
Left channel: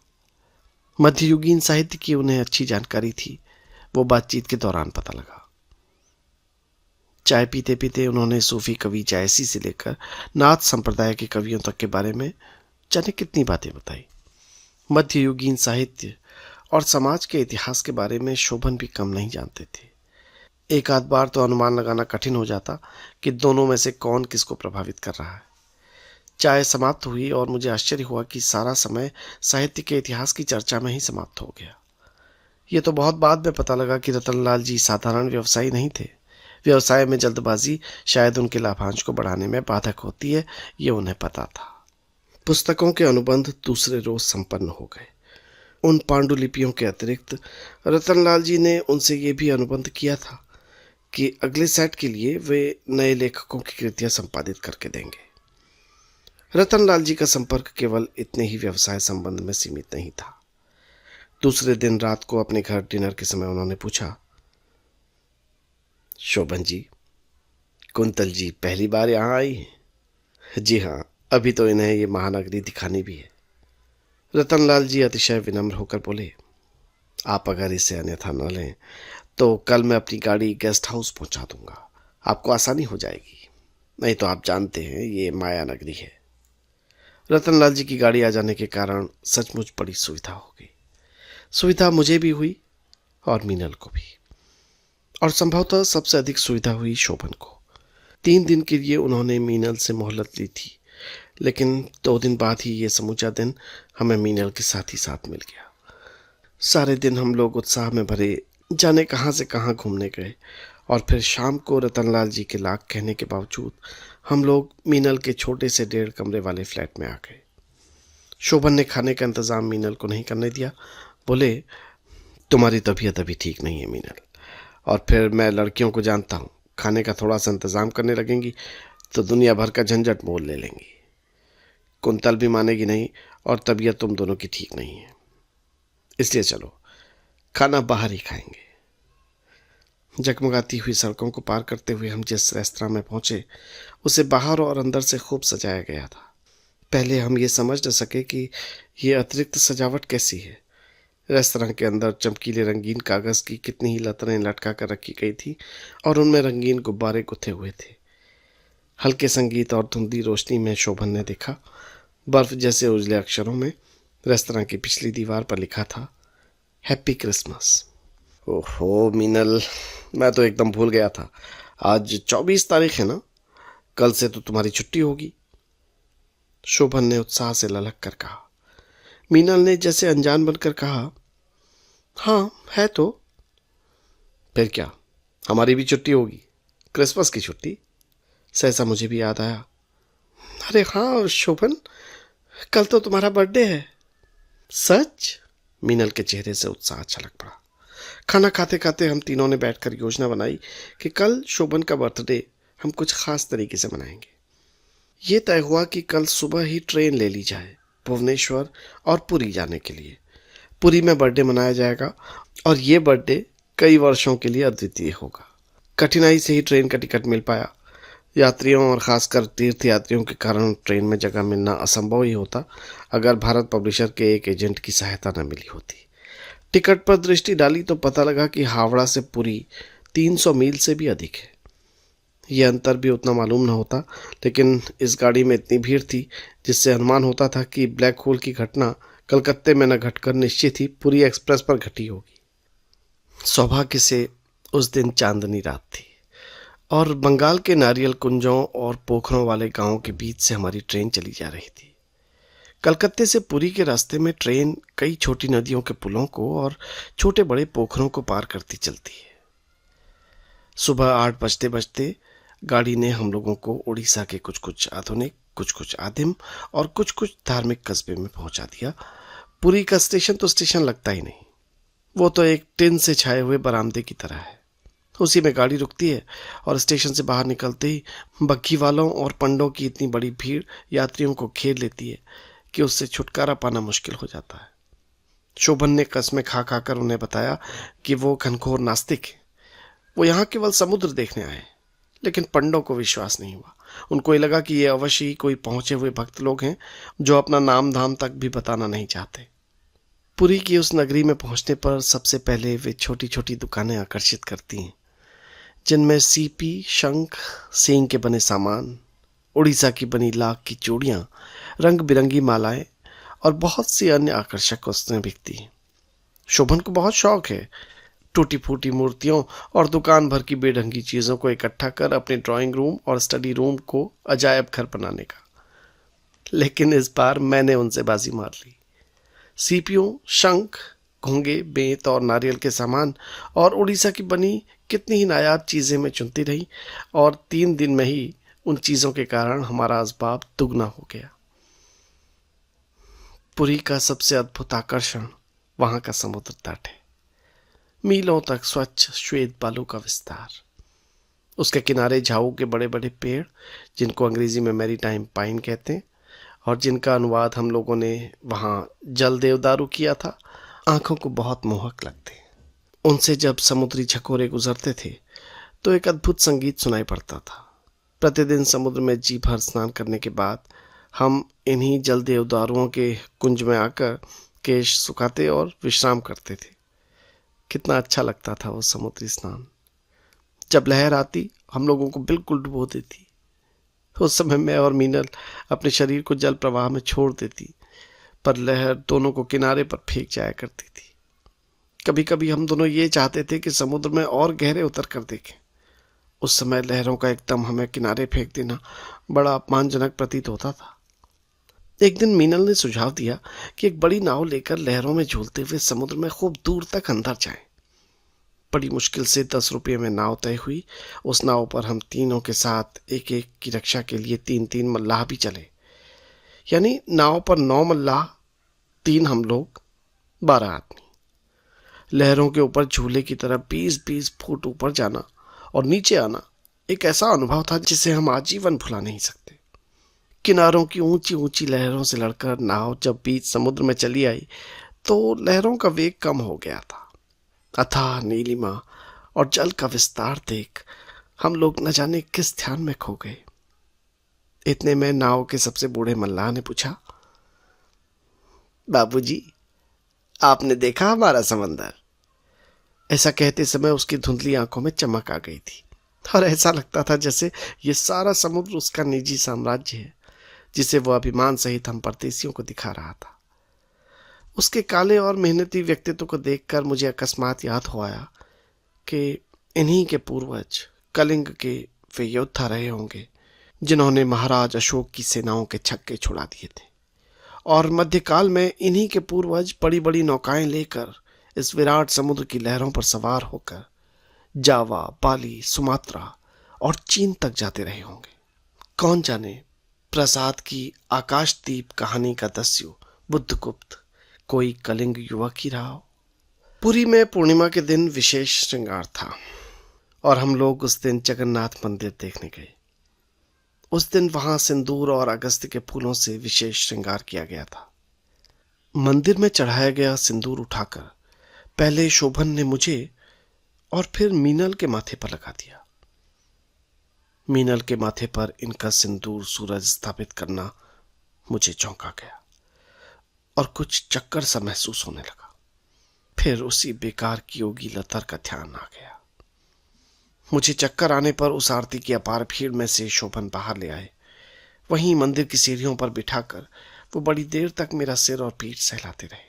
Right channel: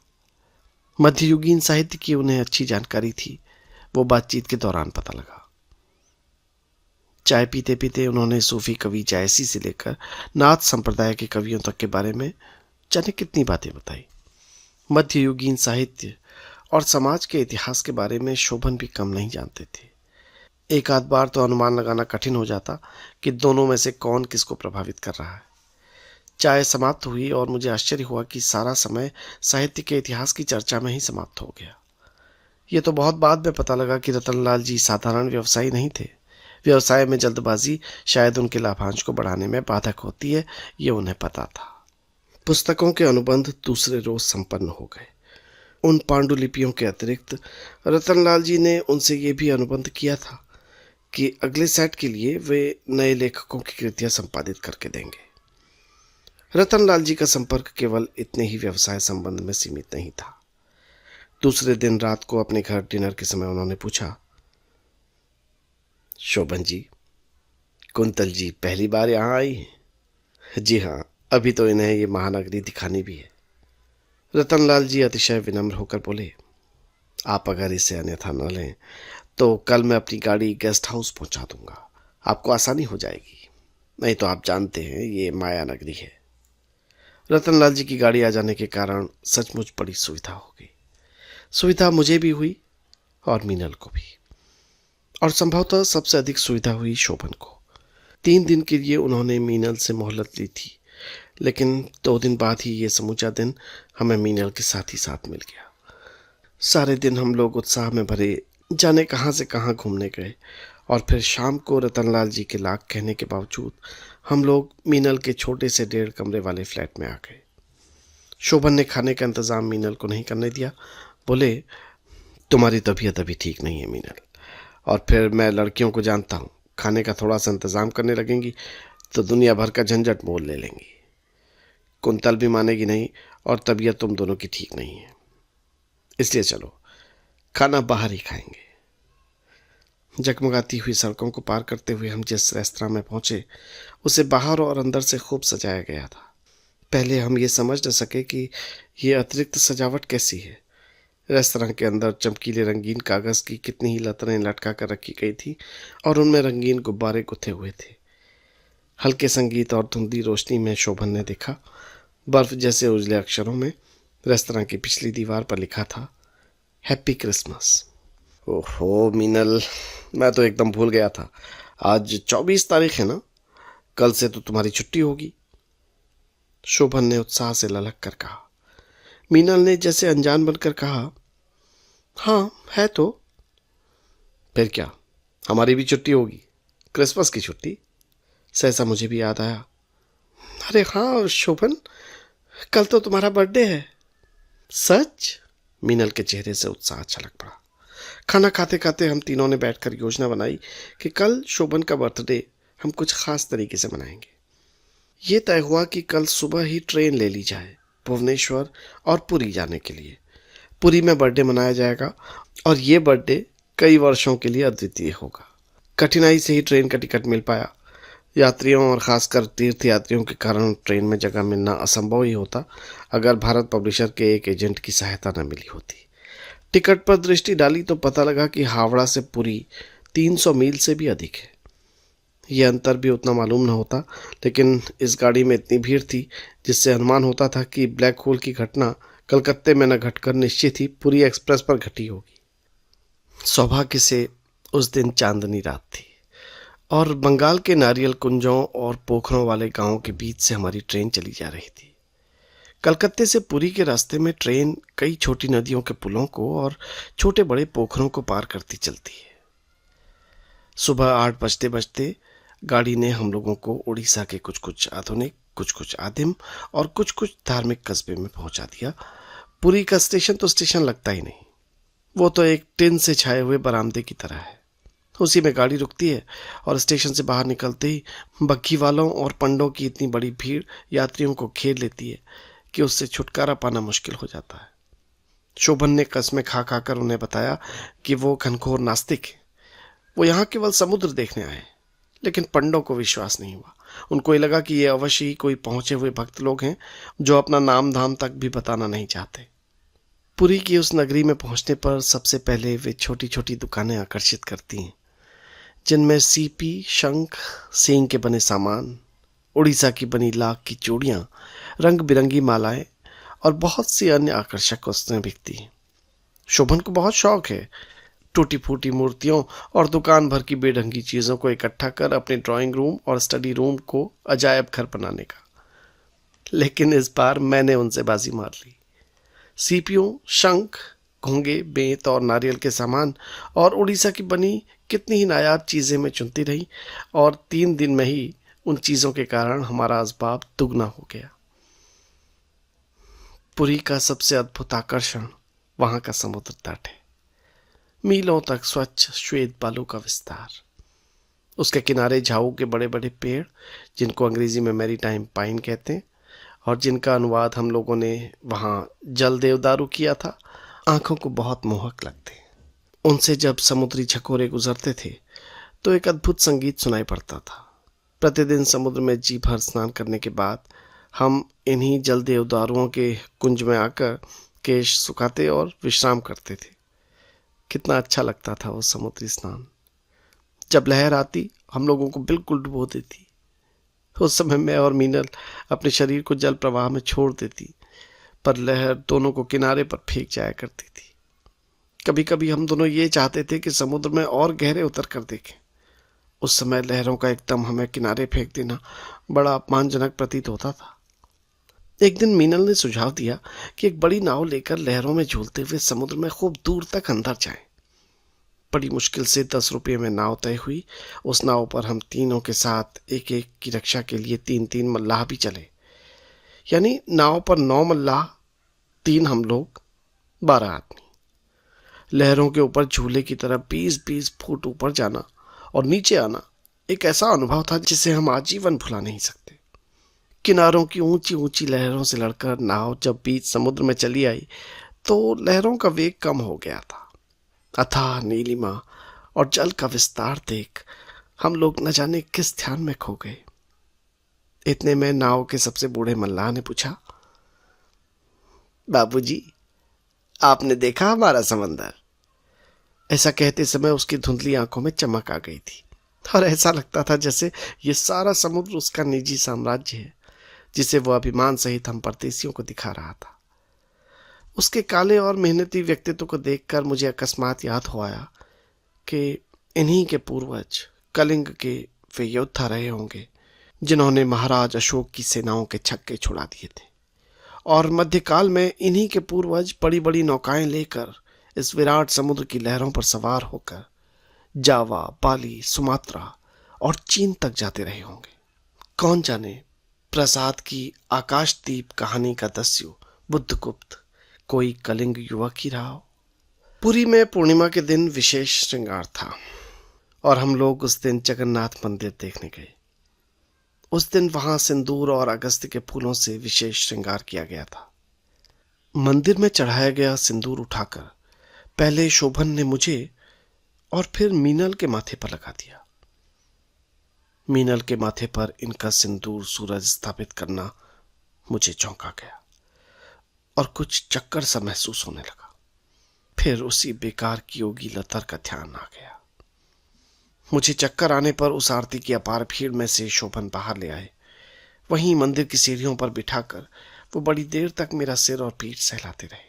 मध्ययुगीन साहित्य की उन्हें अच्छी जानकारी थी, वो बातचीत के दौरान पता लगा। चाय पीते पीते उन्होंने सूफी कवि जायसी से लेकर नाथ संप्रदाय के कवियों तक के बारे में जाने कितनी बातें बताई। मध्ययुगीन साहित्य और समाज के इतिहास के बारे में शोभन भी कम नहीं जानते थे। एक आध बार तो अनुमान लगाना कठिन हो जाता कि दोनों में से कौन किसको प्रभावित कर रहा है। चाय समाप्त हुई और मुझे आश्चर्य हुआ कि सारा समय साहित्य के इतिहास की चर्चा में ही समाप्त हो गया। ये तो बहुत बाद में पता लगा कि रतनलाल जी साधारण व्यवसायी नहीं थे। व्यवसाय में जल्दबाजी शायद उनके लाभांश को बढ़ाने में बाधक होती है, ये उन्हें पता था। पुस्तकों के अनुबंध दूसरे रोज संपन्न हो गए। उन पांडुलिपियों के अतिरिक्त रतनलाल जी ने उनसे ये भी अनुबंध किया था कि अगले सेट के लिए वे नए लेखकों की कृतियां संपादित करके देंगे। रतनलाल जी का संपर्क केवल इतने ही व्यवसाय संबंध में सीमित नहीं था। दूसरे दिन रात को अपने घर डिनर के समय उन्होंने पूछा, शोभन जी, कुंतल जी पहली बार यहाँ आई हैं? जी हाँ, अभी तो इन्हें ये महानगरी दिखानी भी है। रतनलाल जी अतिशय विनम्र होकर बोले, आप अगर इसे अन्यथा न लें तो कल मैं अपनी गाड़ी गेस्ट हाउस पहुंचा दूंगा, आपको आसानी हो जाएगी। नहीं तो आप जानते हैं ये माया नगरी है। रतनलाल जी की गाड़ी आ जाने के कारण सचमुच बड़ी सुविधा हो गई। सुविधा मुझे भी हुई और मीनल को भी, और संभवतः सबसे अधिक सुविधा हुई शोभन को। 3 दिन के लिए उन्होंने मीनल से मोहलत ली थी, लेकिन 2 दिन बाद ही ये समूचा दिन हमें मीनल के साथ ही साथ मिल गया। सारे दिन हम लोग उत्साह में भरे जाने कहाँ से कहाँ घूमने गए, और फिर शाम को रतनलाल जी के लाख कहने के बावजूद हम लोग मीनल के छोटे से 1.5 कमरे वाले फ्लैट में आ गए। शोभन ने खाने का इंतजाम मीनल को नहीं करने दिया। बोले, तुम्हारी तबीयत अभी ठीक नहीं है मीनल, और फिर मैं लड़कियों को जानता हूँ, खाने का थोड़ा सा इंतजाम करने लगेंगी तो दुनिया भर का झंझट मोल ले लेंगी। कुंतल भी मानेगी नहीं, और तबीयत तुम दोनों की ठीक नहीं है, इसलिए चलो खाना बाहर ही खाएंगे। जगमगाती हुई सड़कों को पार करते हुए हम जिस रेस्तरां में पहुंचे उसे बाहर और अंदर से खूब सजाया गया था। पहले हम ये समझ न सके कि ये अतिरिक्त सजावट कैसी है। रेस्तरां के अंदर चमकीले रंगीन कागज की कितनी ही लतरें लटका कर रखी गई थी और उनमें रंगीन गुब्बारे गुथे हुए थे। हल्के संगीत और धुंधली रोशनी में शोभन ने देखा, बर्फ जैसे उजले अक्षरों में रेस्तरां की पिछली दीवार पर लिखा था, हैप्पी क्रिसमस। ओहो मीनल, मैं तो एकदम भूल गया था। आज 24 तारीख है ना, कल से तो तुम्हारी छुट्टी होगी। शोभन ने उत्साह से ललक कर कहा। मीनल ने जैसे अनजान बनकर कहा, हाँ है तो। फिर क्या, हमारी भी छुट्टी होगी, क्रिसमस की छुट्टी। सहसा मुझे भी याद आया, अरे हाँ शोभन, कल तो तुम्हारा बर्थडे है। सच? मीनल के चेहरे से उत्साह छलक पड़ा। खाना खाते खाते हम तीनों ने बैठकर योजना बनाई कि कल शोभन का बर्थडे हम कुछ खास तरीके से मनाएंगे। ये तय हुआ कि कल सुबह ही ट्रेन ले ली जाए भुवनेश्वर और पुरी जाने के लिए। पुरी में बर्थडे मनाया जाएगा और ये बर्थडे कई वर्षों के लिए अद्वितीय होगा। कठिनाई से ही ट्रेन का टिकट मिल पाया। यात्रियों और खासकर तीर्थ यात्रियों के कारण ट्रेन में जगह मिलना असंभव ही होता अगर भारत पब्लिशर के एक एजेंट की सहायता न मिली होती। टिकट पर दृष्टि डाली तो पता लगा कि हावड़ा से पुरी 300 मील से भी अधिक है। यह अंतर भी उतना मालूम न होता, लेकिन इस गाड़ी में इतनी भीड़ थी जिससे अनुमान होता था कि ब्लैक होल की घटना कलकत्ते में न घटकर निश्चित ही पुरी एक्सप्रेस पर घटी होगी। सौभाग्य से उस दिन चांदनी रात थी और बंगाल के नारियल कुंजों और पोखरों वाले गांवों के बीच से हमारी ट्रेन चली जा रही थी। कलकत्ते से पुरी के रास्ते में ट्रेन कई छोटी नदियों के पुलों को और छोटे बड़े पोखरों को पार करती चलती है। सुबह 8 बजते बजते गाड़ी ने हम लोगों को उड़ीसा के कुछ कुछ आधुनिक, कुछ कुछ आदिम और कुछ कुछ धार्मिक कस्बे में पहुंचा दिया। पुरी का स्टेशन तो स्टेशन लगता ही नहीं, वो तो एक टिन से छाए हुए बरामदे की तरह है। उसी में गाड़ी रुकती है और स्टेशन से बाहर निकलते ही बग्घी वालों और पंडों की इतनी बड़ी भीड़ यात्रियों को घेर लेती है कि उससे छुटकारा पाना मुश्किल हो जाता है। शोभन ने कस्में खा खाकर उन्हें बताया कि वो घनघोर नास्तिक है, वो यहाँ केवल समुद्र देखने आए। लेकिन पंडों को विश्वास नहीं हुआ। उनको ये लगा कि ये अवश्य ही कोई पहुंचे हुए भक्त लोग हैं जो अपना नाम धाम तक भी बताना नहीं चाहते। पुरी की उस नगरी में पहुंचने पर सबसे पहले वे छोटी छोटी दुकानें आकर्षित करती हैं, जिनमें सीपी, शंख, सींग के बने सामान, उड़ीसा की बनी लाख की चूड़ियाँ, रंग बिरंगी मालाएं और बहुत सी अन्य आकर्षक वस्तुएं बिकती हैं। शोभन को बहुत शौक है टूटी फूटी मूर्तियों और दुकान भर की बेढंगी चीज़ों को इकट्ठा कर अपने ड्राइंग रूम और स्टडी रूम को अजायब घर बनाने का। लेकिन इस बार मैंने उनसे बाजी मार ली। सीपियों, शंख, घोंगे, बेंत और नारियल के सामान और उड़ीसा की बनी कितनी ही नायाब चीज़ें मैं चुनती रही और 3 दिन में ही उन चीज़ों के कारण हमारा असबाब दुगना हो गया। पुरी का सबसे अद्भुत आकर्षण वहाँ का समुद्र तट है। मीलों तक स्वच्छ श्वेत बालू का विस्तार, उसके किनारे झाऊ के बड़े बड़े पेड़, जिनको अंग्रेजी में मैरीटाइम पाइन कहते हैं और जिनका अनुवाद हम लोगों ने वहाँ जल देवदारू किया था, आंखों को बहुत मोहक लगते हैं। उनसे जब समुद्री झकोरे गुजरते थे तो एक अद्भुत संगीत सुनाई पड़ता था। प्रतिदिन समुद्र में जी भर स्नान करने के बाद हम इन्हीं जल देवदारुओं के कुंज में आकर केश सुखाते और विश्राम करते थे। कितना अच्छा लगता था वो समुद्री स्नान। जब लहर आती हम लोगों को बिल्कुल डुबो देती। उस समय मैं और मीनल अपने शरीर को जल प्रवाह में छोड़ देती, पर लहर दोनों को किनारे पर फेंक जाया करती थी। कभी कभी हम दोनों ये चाहते थे कि समुद्र में और गहरे उतर कर देखें। उस समय लहरों का एकदम हमें किनारे फेंक देना बड़ा अपमानजनक प्रतीत होता था। एक दिन मीनल ने सुझाव दिया कि एक बड़ी नाव लेकर लहरों में झूलते हुए समुद्र में खूब दूर तक अंदर जाएं। बड़ी मुश्किल से 10 रुपये में नाव तय हुई। उस नाव पर हम तीनों के साथ एक एक की रक्षा के लिए 3-3 मल्लाह भी चले, यानी नाव पर 9 मल्लाह, 3 हम लोग, 12 आदमी। लहरों के ऊपर झूले की तरह 20-20 फुट ऊपर जाना और नीचे आना एक ऐसा अनुभव था जिसे हम आजीवन भुला नहीं सकते। किनारों की ऊंची ऊंची लहरों से लड़कर नाव जब बीच समुद्र में चली आई तो लहरों का वेग कम हो गया था। अथाह नीलिमा और जल का विस्तार देख हम लोग न जाने किस ध्यान में खो गए। इतने में नाव के सबसे बूढ़े मल्लाह ने पूछा, बाबूजी, आपने देखा हमारा समंदर? ऐसा कहते समय उसकी धुंधली आंखों में चमक आ गई थी और ऐसा लगता था जैसे ये सारा समुद्र उसका निजी साम्राज्य है, जिसे वो अभिमान सहित हम परदेशियों को दिखा रहा था। उसके काले और मेहनती व्यक्तित्व को देखकर मुझे अकस्मात याद हो आया कि इन्हीं के पूर्वज कलिंग के वे योद्धा रहे होंगे जिन्होंने महाराज अशोक की सेनाओं के छक्के छुड़ा दिए थे, और मध्यकाल में इन्हीं के पूर्वज बड़ी बड़ी नौकाएं लेकर इस विराट समुद्र की लहरों पर सवार होकर जावा, बाली, सुमात्रा और चीन तक जाते रहे होंगे। कौन जाने प्रसाद की आकाशदीप कहानी का दस्यु बुद्धगुप्त कोई कलिंग युवक ही रहा हो। पुरी में पूर्णिमा के दिन विशेष श्रृंगार था और हम लोग उस दिन जगन्नाथ मंदिर देखने गए। उस दिन वहां सिंदूर और अगस्त के फूलों से विशेष श्रृंगार किया गया था। मंदिर में चढ़ाया गया सिंदूर उठाकर पहले शोभन ने मुझे और फिर मीनल के माथे पर लगा दिया। मीनल के माथे पर इनका सिंदूर सूरज स्थापित करना मुझे चौंका गया और कुछ चक्कर सा महसूस होने लगा। फिर उसी बेकार की योगी लतर का ध्यान आ गया। मुझे चक्कर आने पर उस आरती की अपार भीड़ में से शोभन बाहर ले आए। वहीं मंदिर की सीढ़ियों पर बिठाकर वो बड़ी देर तक मेरा सिर और पीठ सहलाते रहे।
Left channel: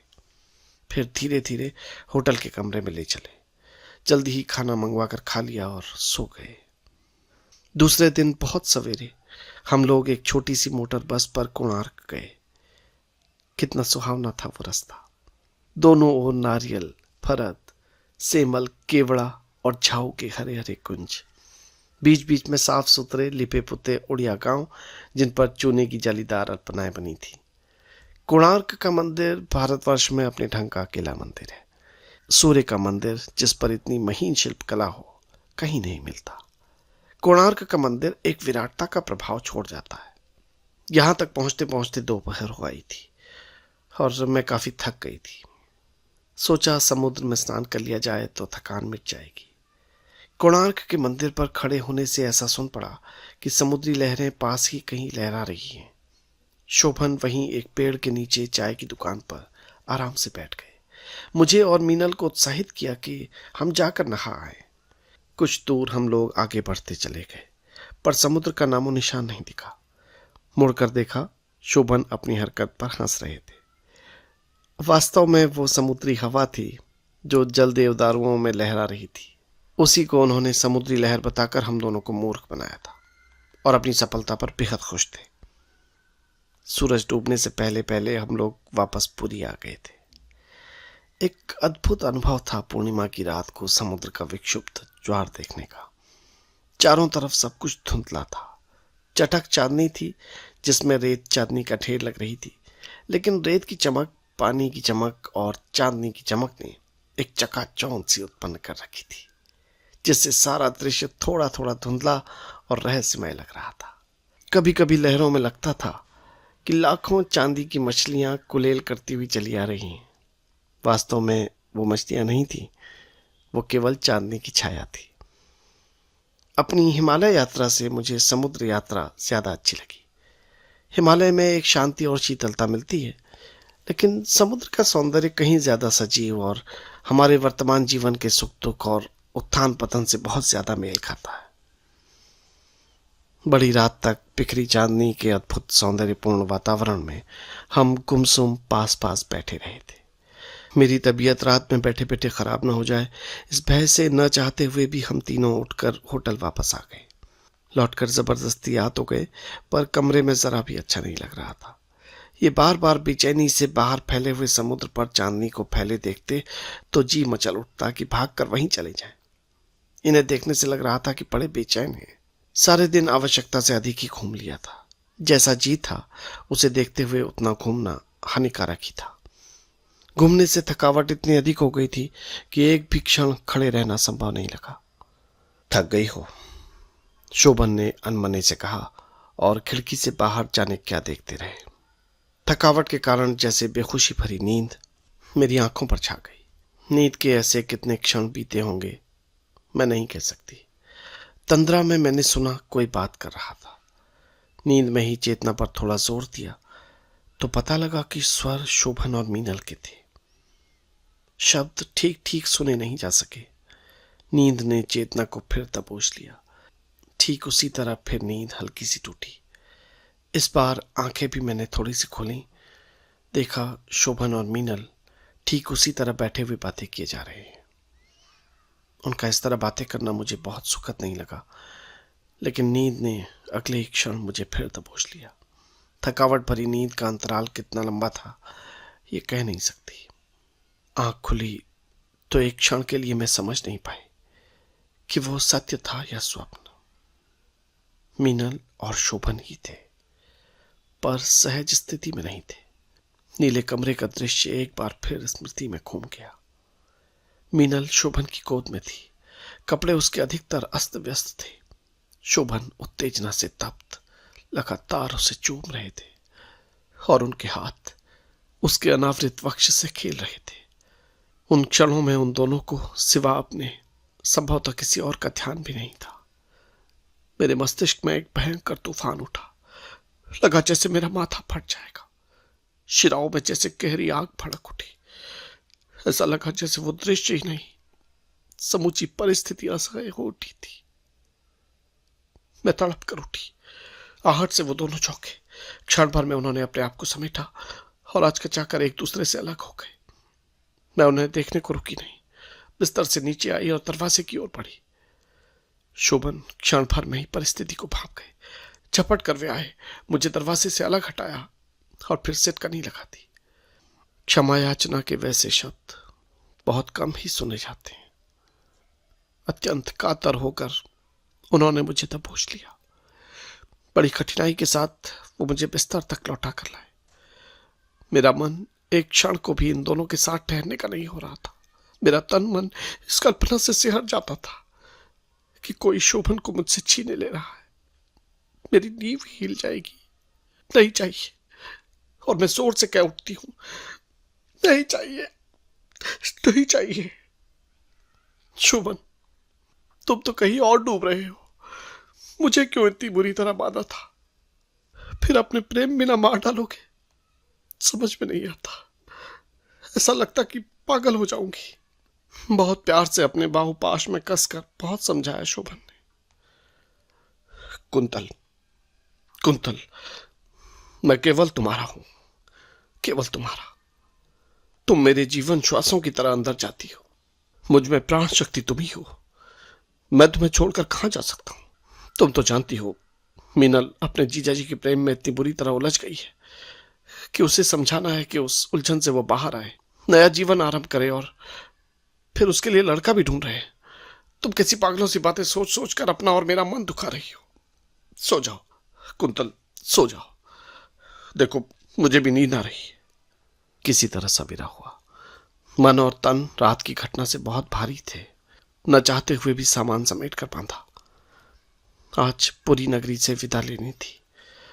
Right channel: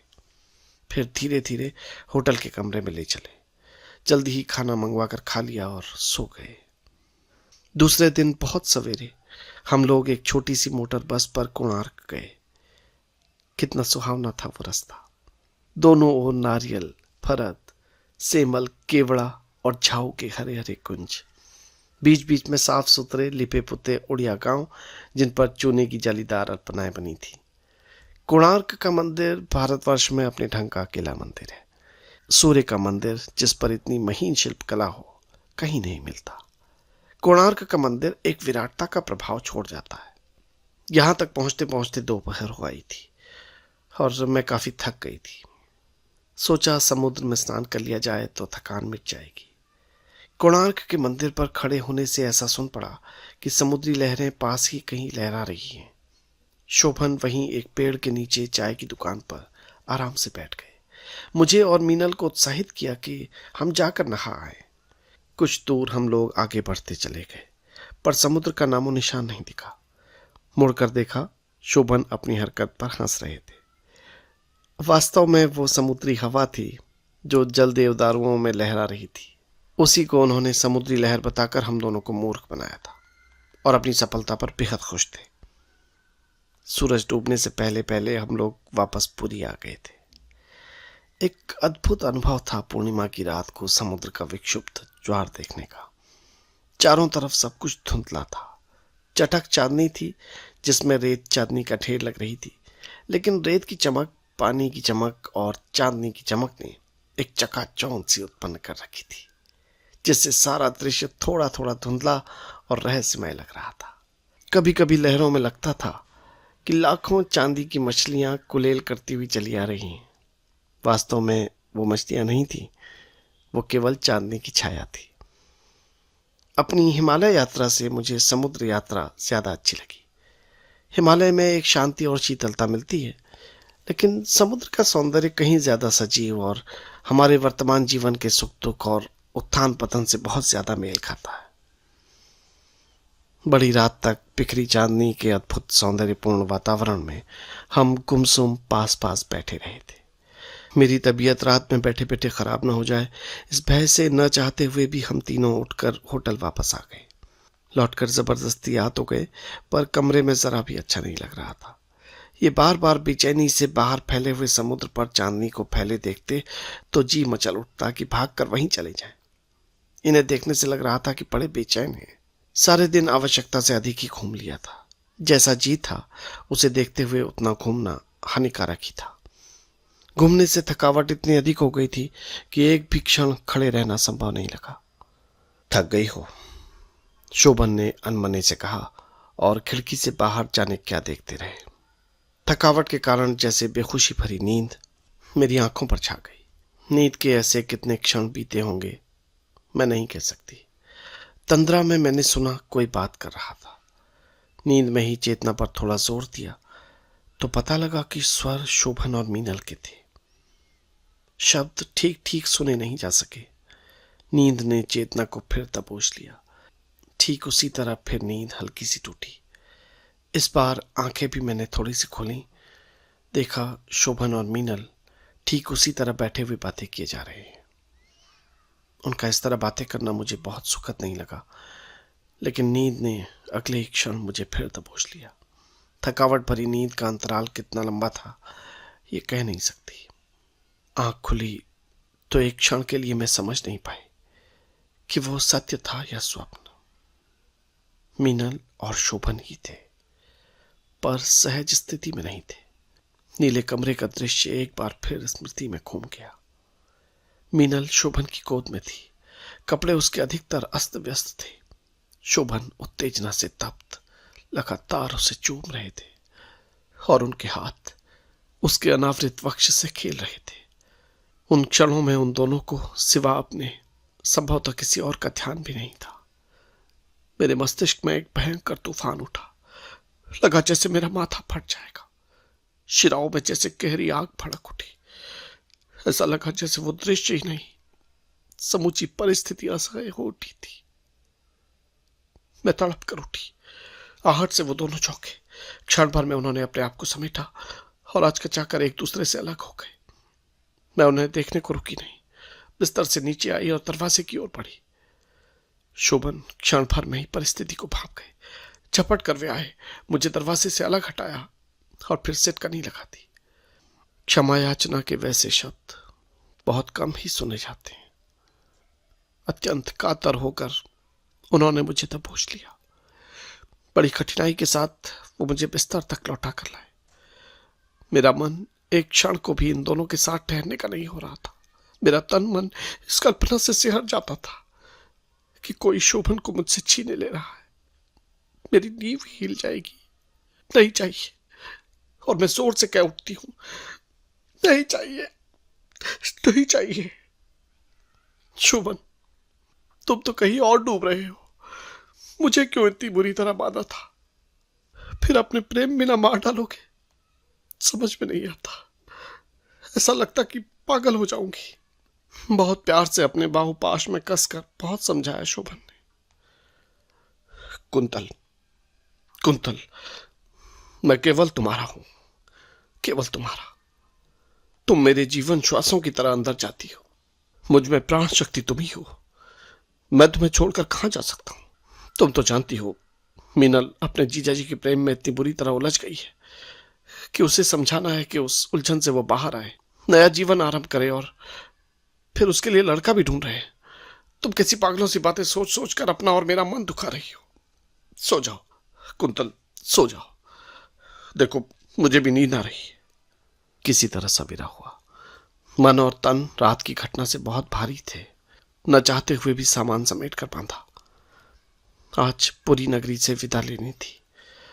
फिर धीरे धीरे होटल के कमरे में ले चले। जल्दी ही खाना मंगवा कर खा लिया और सो गए। दूसरे दिन बहुत सवेरे हम लोग एक छोटी सी मोटर बस पर कोणार्क गए। कितना सुहावना था वो रास्ता। दोनों ओर नारियल, फरद, सेमल, केवड़ा और झाऊ के हरे हरे कुंज। बीच बीच में साफ सुथरे लिपे पुते उड़िया गांव जिन पर चूने की जालीदार अल्पनाएं बनी थी। कोणार्क का मंदिर भारतवर्ष में अपने ढंग का अकेला मंदिर है। सूर्य का मंदिर जिस पर इतनी महीन शिल्प कला हो कहीं नहीं मिलता। कोणार्क का मंदिर एक विराटता का प्रभाव छोड़ जाता है। यहां तक पहुंचते पहुंचते दोपहर हो आई थी और मैं काफी थक गई थी। सोचा समुद्र में स्नान कर लिया जाए तो थकान मिट जाएगी। कोणार्क के मंदिर पर खड़े होने से ऐसा सुन पड़ा कि समुद्री लहरें पास ही कहीं लहरा रही हैं। शोभन वहीं एक पेड़ के नीचे चाय की दुकान पर आराम से बैठ गए। मुझे और मीनल को उत्साहित किया कि हम जाकर नहा आए। कुछ दूर हम लोग आगे बढ़ते चले गए, पर समुद्र का नामो निशान नहीं दिखा। मुड़कर देखा, शोभन अपनी हरकत पर हंस रहे थे। वास्तव में वो समुद्री हवा थी जो जल देवदारुओं में लहरा रही थी। उसी को उन्होंने समुद्री लहर बताकर हम दोनों को मूर्ख बनाया था और अपनी सफलता पर बेहद खुश थे। सूरज डूबने से पहले पहले हम लोग वापस पुरी आ गए थे। एक अद्भुत अनुभव था पूर्णिमा की रात को समुद्र का विक्षुब्ध ज्वार देखने का। चारों तरफ सब कुछ धुंधला था। चटक चांदनी थी जिसमें रेत चांदनी का ढेर लग रही थी, लेकिन रेत की चमक, पानी की चमक और चांदनी की चमक ने एक चकाचौंध सी उत्पन्न कर रखी थी, जिससे सारा दृश्य थोड़ा थोड़ा धुंधला और रहस्यमय लग रहा था। कभी कभी लहरों में लगता था कि लाखों चांदी की मछलियां कुलेल करती हुई चली आ रही हैं। वास्तव में वो मछलियां नहीं थी, वो केवल चांदनी की छाया थी। अपनी हिमालय यात्रा से मुझे समुद्र यात्रा ज्यादा अच्छी लगी। हिमालय में एक शांति और शीतलता मिलती है, लेकिन समुद्र का सौंदर्य कहीं ज्यादा सजीव और हमारे वर्तमान जीवन के सुख दुख और उत्थान पतन से बहुत ज्यादा मेल खाता है। बड़ी रात तक बिखरी चांदनी के अद्भुत सौंदर्यपूर्ण वातावरण में हम गुमसुम पास पास बैठे रहे थे। मेरी तबीयत रात में बैठे बैठे खराब न हो जाए, इस भय से न चाहते हुए भी हम तीनों उठकर होटल वापस आ गए। लौटकर जबरदस्ती आ तो गए, पर कमरे में जरा भी अच्छा नहीं लग रहा था। ये बार बार बेचैनी से बाहर फैले हुए समुद्र पर चांदनी को फैले देखते तो जी मचल उठता कि भागकर वहीं चले जाएं। इन्हें देखने से लग रहा था कि बड़े बेचैन हैं। सारे दिन आवश्यकता से अधिक ही घूम लिया था। जैसा जी था उसे देखते हुए उतना घूमना हानिकारक ही था। घूमने से थकावट इतनी अधिक हो गई थी कि एक भी क्षण खड़े रहना संभव नहीं लगा। थक गई हो, शोभन ने अनमने से कहा और खिड़की से बाहर जाने क्या देखते रहे। थकावट के कारण जैसे बेखुशी भरी नींद मेरी आंखों पर छा गई। नींद के ऐसे कितने क्षण बीते होंगे मैं नहीं कह सकती। तंद्रा में मैंने सुना कोई बात कर रहा था। नींद में ही चेतना पर थोड़ा जोर दिया तो पता लगा कि स्वर शोभन और मीनल के थे। शब्द ठीक ठीक सुने नहीं जा सके। नींद ने चेतना को फिर दबोच लिया। ठीक उसी तरह फिर नींद हल्की सी टूटी। इस बार आंखें भी मैंने थोड़ी सी खोली। देखा शोभन और मीनल ठीक उसी तरह बैठे हुए बातें किए जा रहे हैं। उनका इस तरह बातें करना मुझे बहुत सुखद नहीं लगा, लेकिन नींद ने अगले ही क्षण मुझे फिर दबोच लिया। थकावट भरी नींद का अंतराल कितना लंबा था ये कह नहीं सकती। आंख खुली तो एक क्षण के लिए मैं समझ नहीं पाई कि वो सत्य था या स्वप्न। मीनल और शोभन ही थे, पर सहज स्थिति में नहीं थे। नीले कमरे का दृश्य एक बार फिर स्मृति में घूम गया। मीनल शोभन की गोद में थी। कपड़े उसके अधिकतर अस्त व्यस्त थे। शोभन उत्तेजना से तप्त लगातार उसे चूम रहे थे और उनके हाथ उसके अनावृत वक्ष से खेल रहे थे। उन क्षणों में उन दोनों को सिवा अपने संभवतः किसी और का ध्यान भी नहीं था। मेरे मस्तिष्क में एक भयंकर तूफान उठा। लगा जैसे मेरा माथा फट जाएगा। शिराओं में जैसे गहरी आग भड़क उठी। ऐसा लगा जैसे वो दृश्य ही नहीं, समूची परिस्थिति असह्य हो उठी थी। मैं तड़प कर उठी। आहट से वो दोनों चौंके। क्षण भर में उन्होंने अपने आप को समेटा और आचकचाकर एक दूसरे से अलग हो गए। मैं उन्हें देखने को रुकी नहीं। बिस्तर से नीचे आई और दरवाजे की ओर बढ़ी। शोभन क्षण भर में ही परिस्थिति को भांप गए। झपट कर वे आए, मुझे दरवाजे से अलग हटाया और फिर सिटकनी लगा दी। क्षमा याचना के वैसे शब्द बहुत कम ही सुने जाते हैं। अत्यंत कातर होकर उन्होंने मुझे दबोच लिया। बड़ी कठिनाई के साथ वो मुझे बिस्तर तक लौटा कर लाए। मेरा मन एक क्षण को भी इन दोनों के साथ ठहरने का नहीं हो रहा था। मेरा तन मन इस कल्पना से सिहर जाता था कि कोई शोभन को मुझसे छीने ले रहा है। मेरी नींव हिल जाएगी। नहीं चाहिए। और मैं जोर से कह उठती हूं, नहीं चाहिए, नहीं चाहिए। शोभन, तुम तो कहीं और डूब रहे हो। मुझे क्यों इतनी बुरी तरह बांधा था? फिर अपने प्रेम में ना मार डालोगे? समझ में नहीं आता। ऐसा लगता कि पागल हो जाऊंगी। बहुत प्यार से अपने बाहुपाश में कसकर बहुत समझाया शोभन ने। कुंतल, कुंतल, मैं केवल तुम्हारा हूं, केवल तुम्हारा। तुम मेरे जीवन श्वासों की तरह अंदर जाती हो। मुझ में प्राण शक्ति तुम ही हो। मैं तुम्हें छोड़कर कहां जा सकता हूं? तुम तो जानती हो मीनल अपने जीजा जी के प्रेम में इतनी बुरी तरह उलझ गई है कि उसे समझाना है कि उस उलझन से वो बाहर आए, नया जीवन आरंभ करे, और फिर उसके लिए लड़का भी ढूंढ रहे हैं। तुम कैसी पागलों सी बातें सोच सोच कर अपना और मेरा मन दुखा रही हो। सो जाओ कुंतल, सो जाओ। देखो, मुझे भी नींद आ रही है। किसी तरह सवेरा हुआ। मन और तन रात की घटना से बहुत भारी थे। न चाहते हुए भी सामान समेट कर बांधा। आज पूरी नगरी से विदा लेनी थी।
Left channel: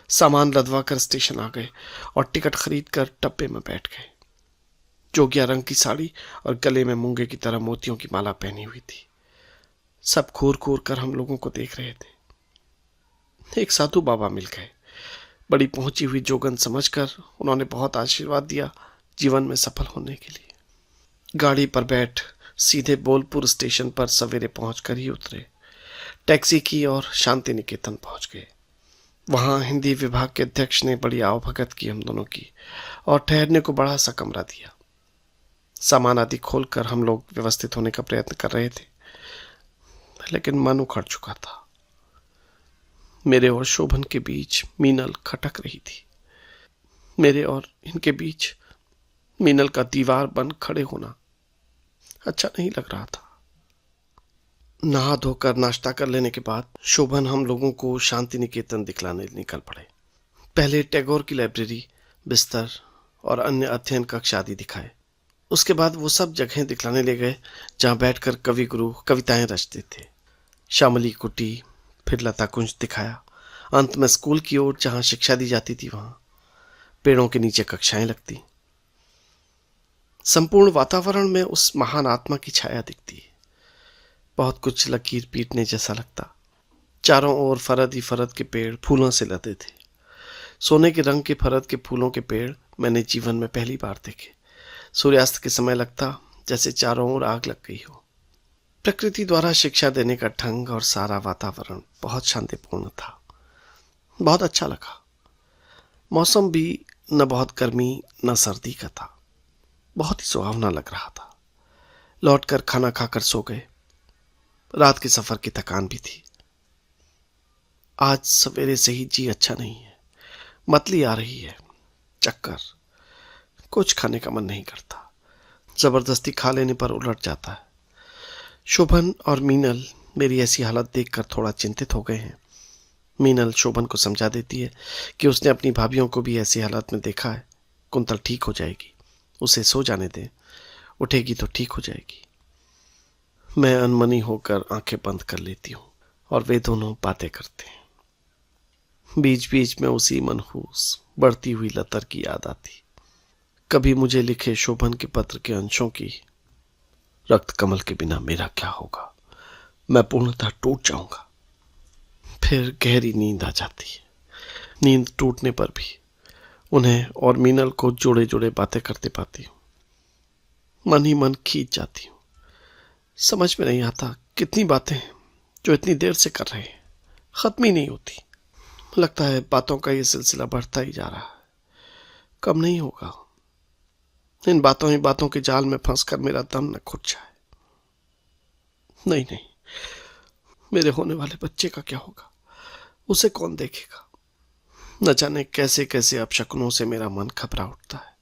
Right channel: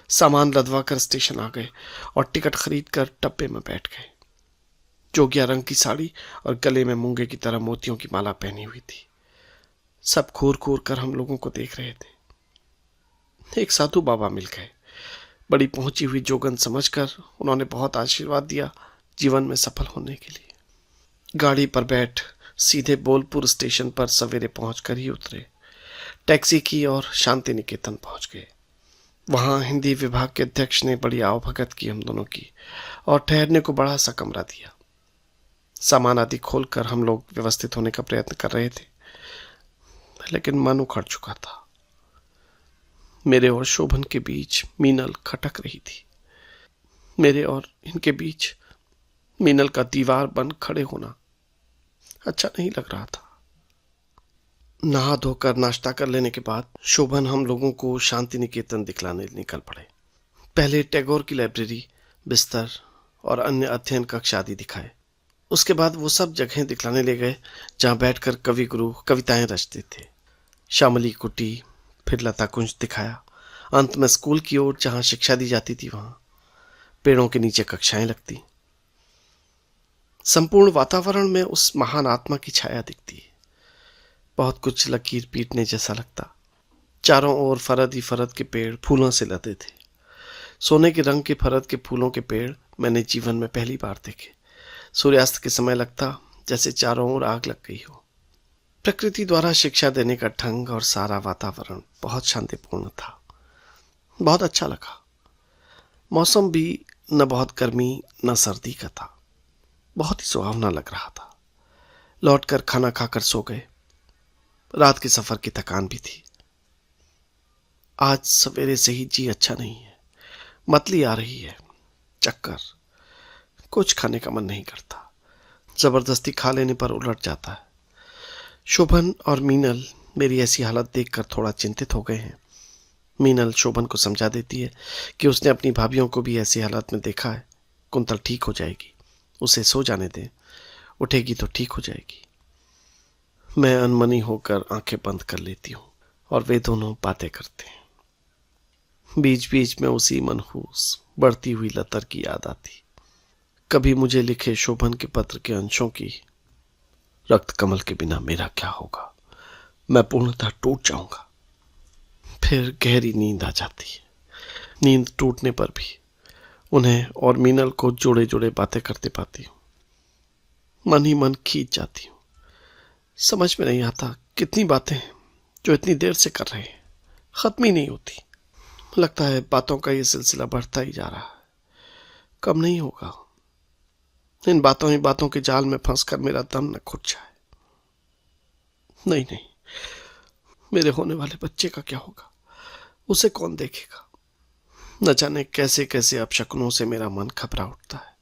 सामान लदवा कर स्टेशन आ गए और टिकट खरीद कर डब्बे में बैठ गए। जोगिया रंग की साड़ी और गले में मूंगे की तरह मोतियों की माला पहनी हुई थी। सब घूर घूर कर हम लोगों को देख रहे थे। एक साधु बाबा मिल गए। बड़ी पहुंची हुई जोगन समझकर उन्होंने बहुत आशीर्वाद दिया जीवन में सफल होने के लिए। गाड़ी पर बैठ सीधे बोलपुर स्टेशन पर सवेरे पहुंचकर ही उतरे। टैक्सी की और शांति निकेतन पहुंच गए। वहां हिंदी विभाग के अध्यक्ष ने बड़ी आवभगत की हम दोनों की और ठहरने को बड़ा सा कमरा दिया। सामान आदि खोलकर हम लोग व्यवस्थित होने का प्रयत्न कर रहे थे, लेकिन मन उखड़ चुका था। मेरे और शोभन के बीच मीनल खटक रही थी। मेरे और इनके बीच मीनल का दीवार बन खड़े होना अच्छा नहीं लग रहा था। नहा धोकर नाश्ता कर लेने के बाद शोभन हम लोगों को शांति निकेतन दिखलाने निकल पड़े। पहले टैगोर की लाइब्रेरी, बिस्तर और अन्य अध्ययन कक्ष आदि दिखाए। उसके बाद वो सब जगहें दिखलाने ले गए जहां बैठकर कवि गुरु कविताएं रचते थे। श्यामली कुटी, फिर लता कुंज दिखाया। अंत में स्कूल की ओर जहां शिक्षा दी जाती थी, वहां पेड़ों के नीचे कक्षाएं लगती। संपूर्ण वातावरण में उस महान आत्मा की छाया दिखती। बहुत कुछ लकीर पीटने जैसा लगता। चारों ओर फरद ही फरद के पेड़ फूलों से लदे थे। सोने के रंग के फरद के फूलों के पेड़ मैंने जीवन में पहली बार देखे। सूर्यास्त के समय लगता जैसे चारों ओर आग लग गई हो। प्रकृति द्वारा शिक्षा देने का ढंग और सारा वातावरण बहुत शांतिपूर्ण था। बहुत अच्छा लगा। मौसम भी न बहुत गर्मी न सर्दी का था। बहुत ही सुहावना लग रहा था। लौटकर खाना खाकर सो गए। रात के सफर की थकान भी थी। आज सवेरे से ही जी अच्छा नहीं है। मतली आ रही है, चक्कर, कुछ खाने का मन नहीं करता। जबरदस्ती खा लेने पर उलट जाता है। शोभन और मीनल मेरी ऐसी हालत देखकर थोड़ा चिंतित हो गए हैं। मीनल शोभन को समझा देती है कि उसने अपनी भाभियों को भी ऐसी हालत में देखा है। कुंतल ठीक हो जाएगी, उसे सो जाने दें, उठेगी तो ठीक हो जाएगी। मैं अनमनी होकर आंखें बंद कर लेती हूँ और वे दोनों बातें करते हैं। बीच बीच में उसी मनहूस बढ़ती हुई लतर की याद आती। कभी मुझे लिखे शोभन के पत्र के अंशों की, रक्त कमल के बिना मेरा क्या होगा, मैं पूर्णतः टूट जाऊंगा। फिर गहरी नींद आ जाती है। नींद टूटने पर भी उन्हें और मीनल को जोड़े जोड़े बातें करते पाती हूँ। मन ही मन खींच जाती हूँ। समझ में नहीं आता कितनी बातें जो इतनी देर से कर रहे हैं, खत्म ही नहीं होती। लगता है बातों का ये सिलसिला बढ़ता ही जा रहा है, कम नहीं होगा। इन बातों ही बातों के जाल में फंसकर मेरा दम न घुट जाए। नहीं नहीं, मेरे होने वाले बच्चे का क्या होगा, उसे कौन देखेगा। न जाने कैसे कैसे अपशकुनों से मेरा मन घबरा उठता है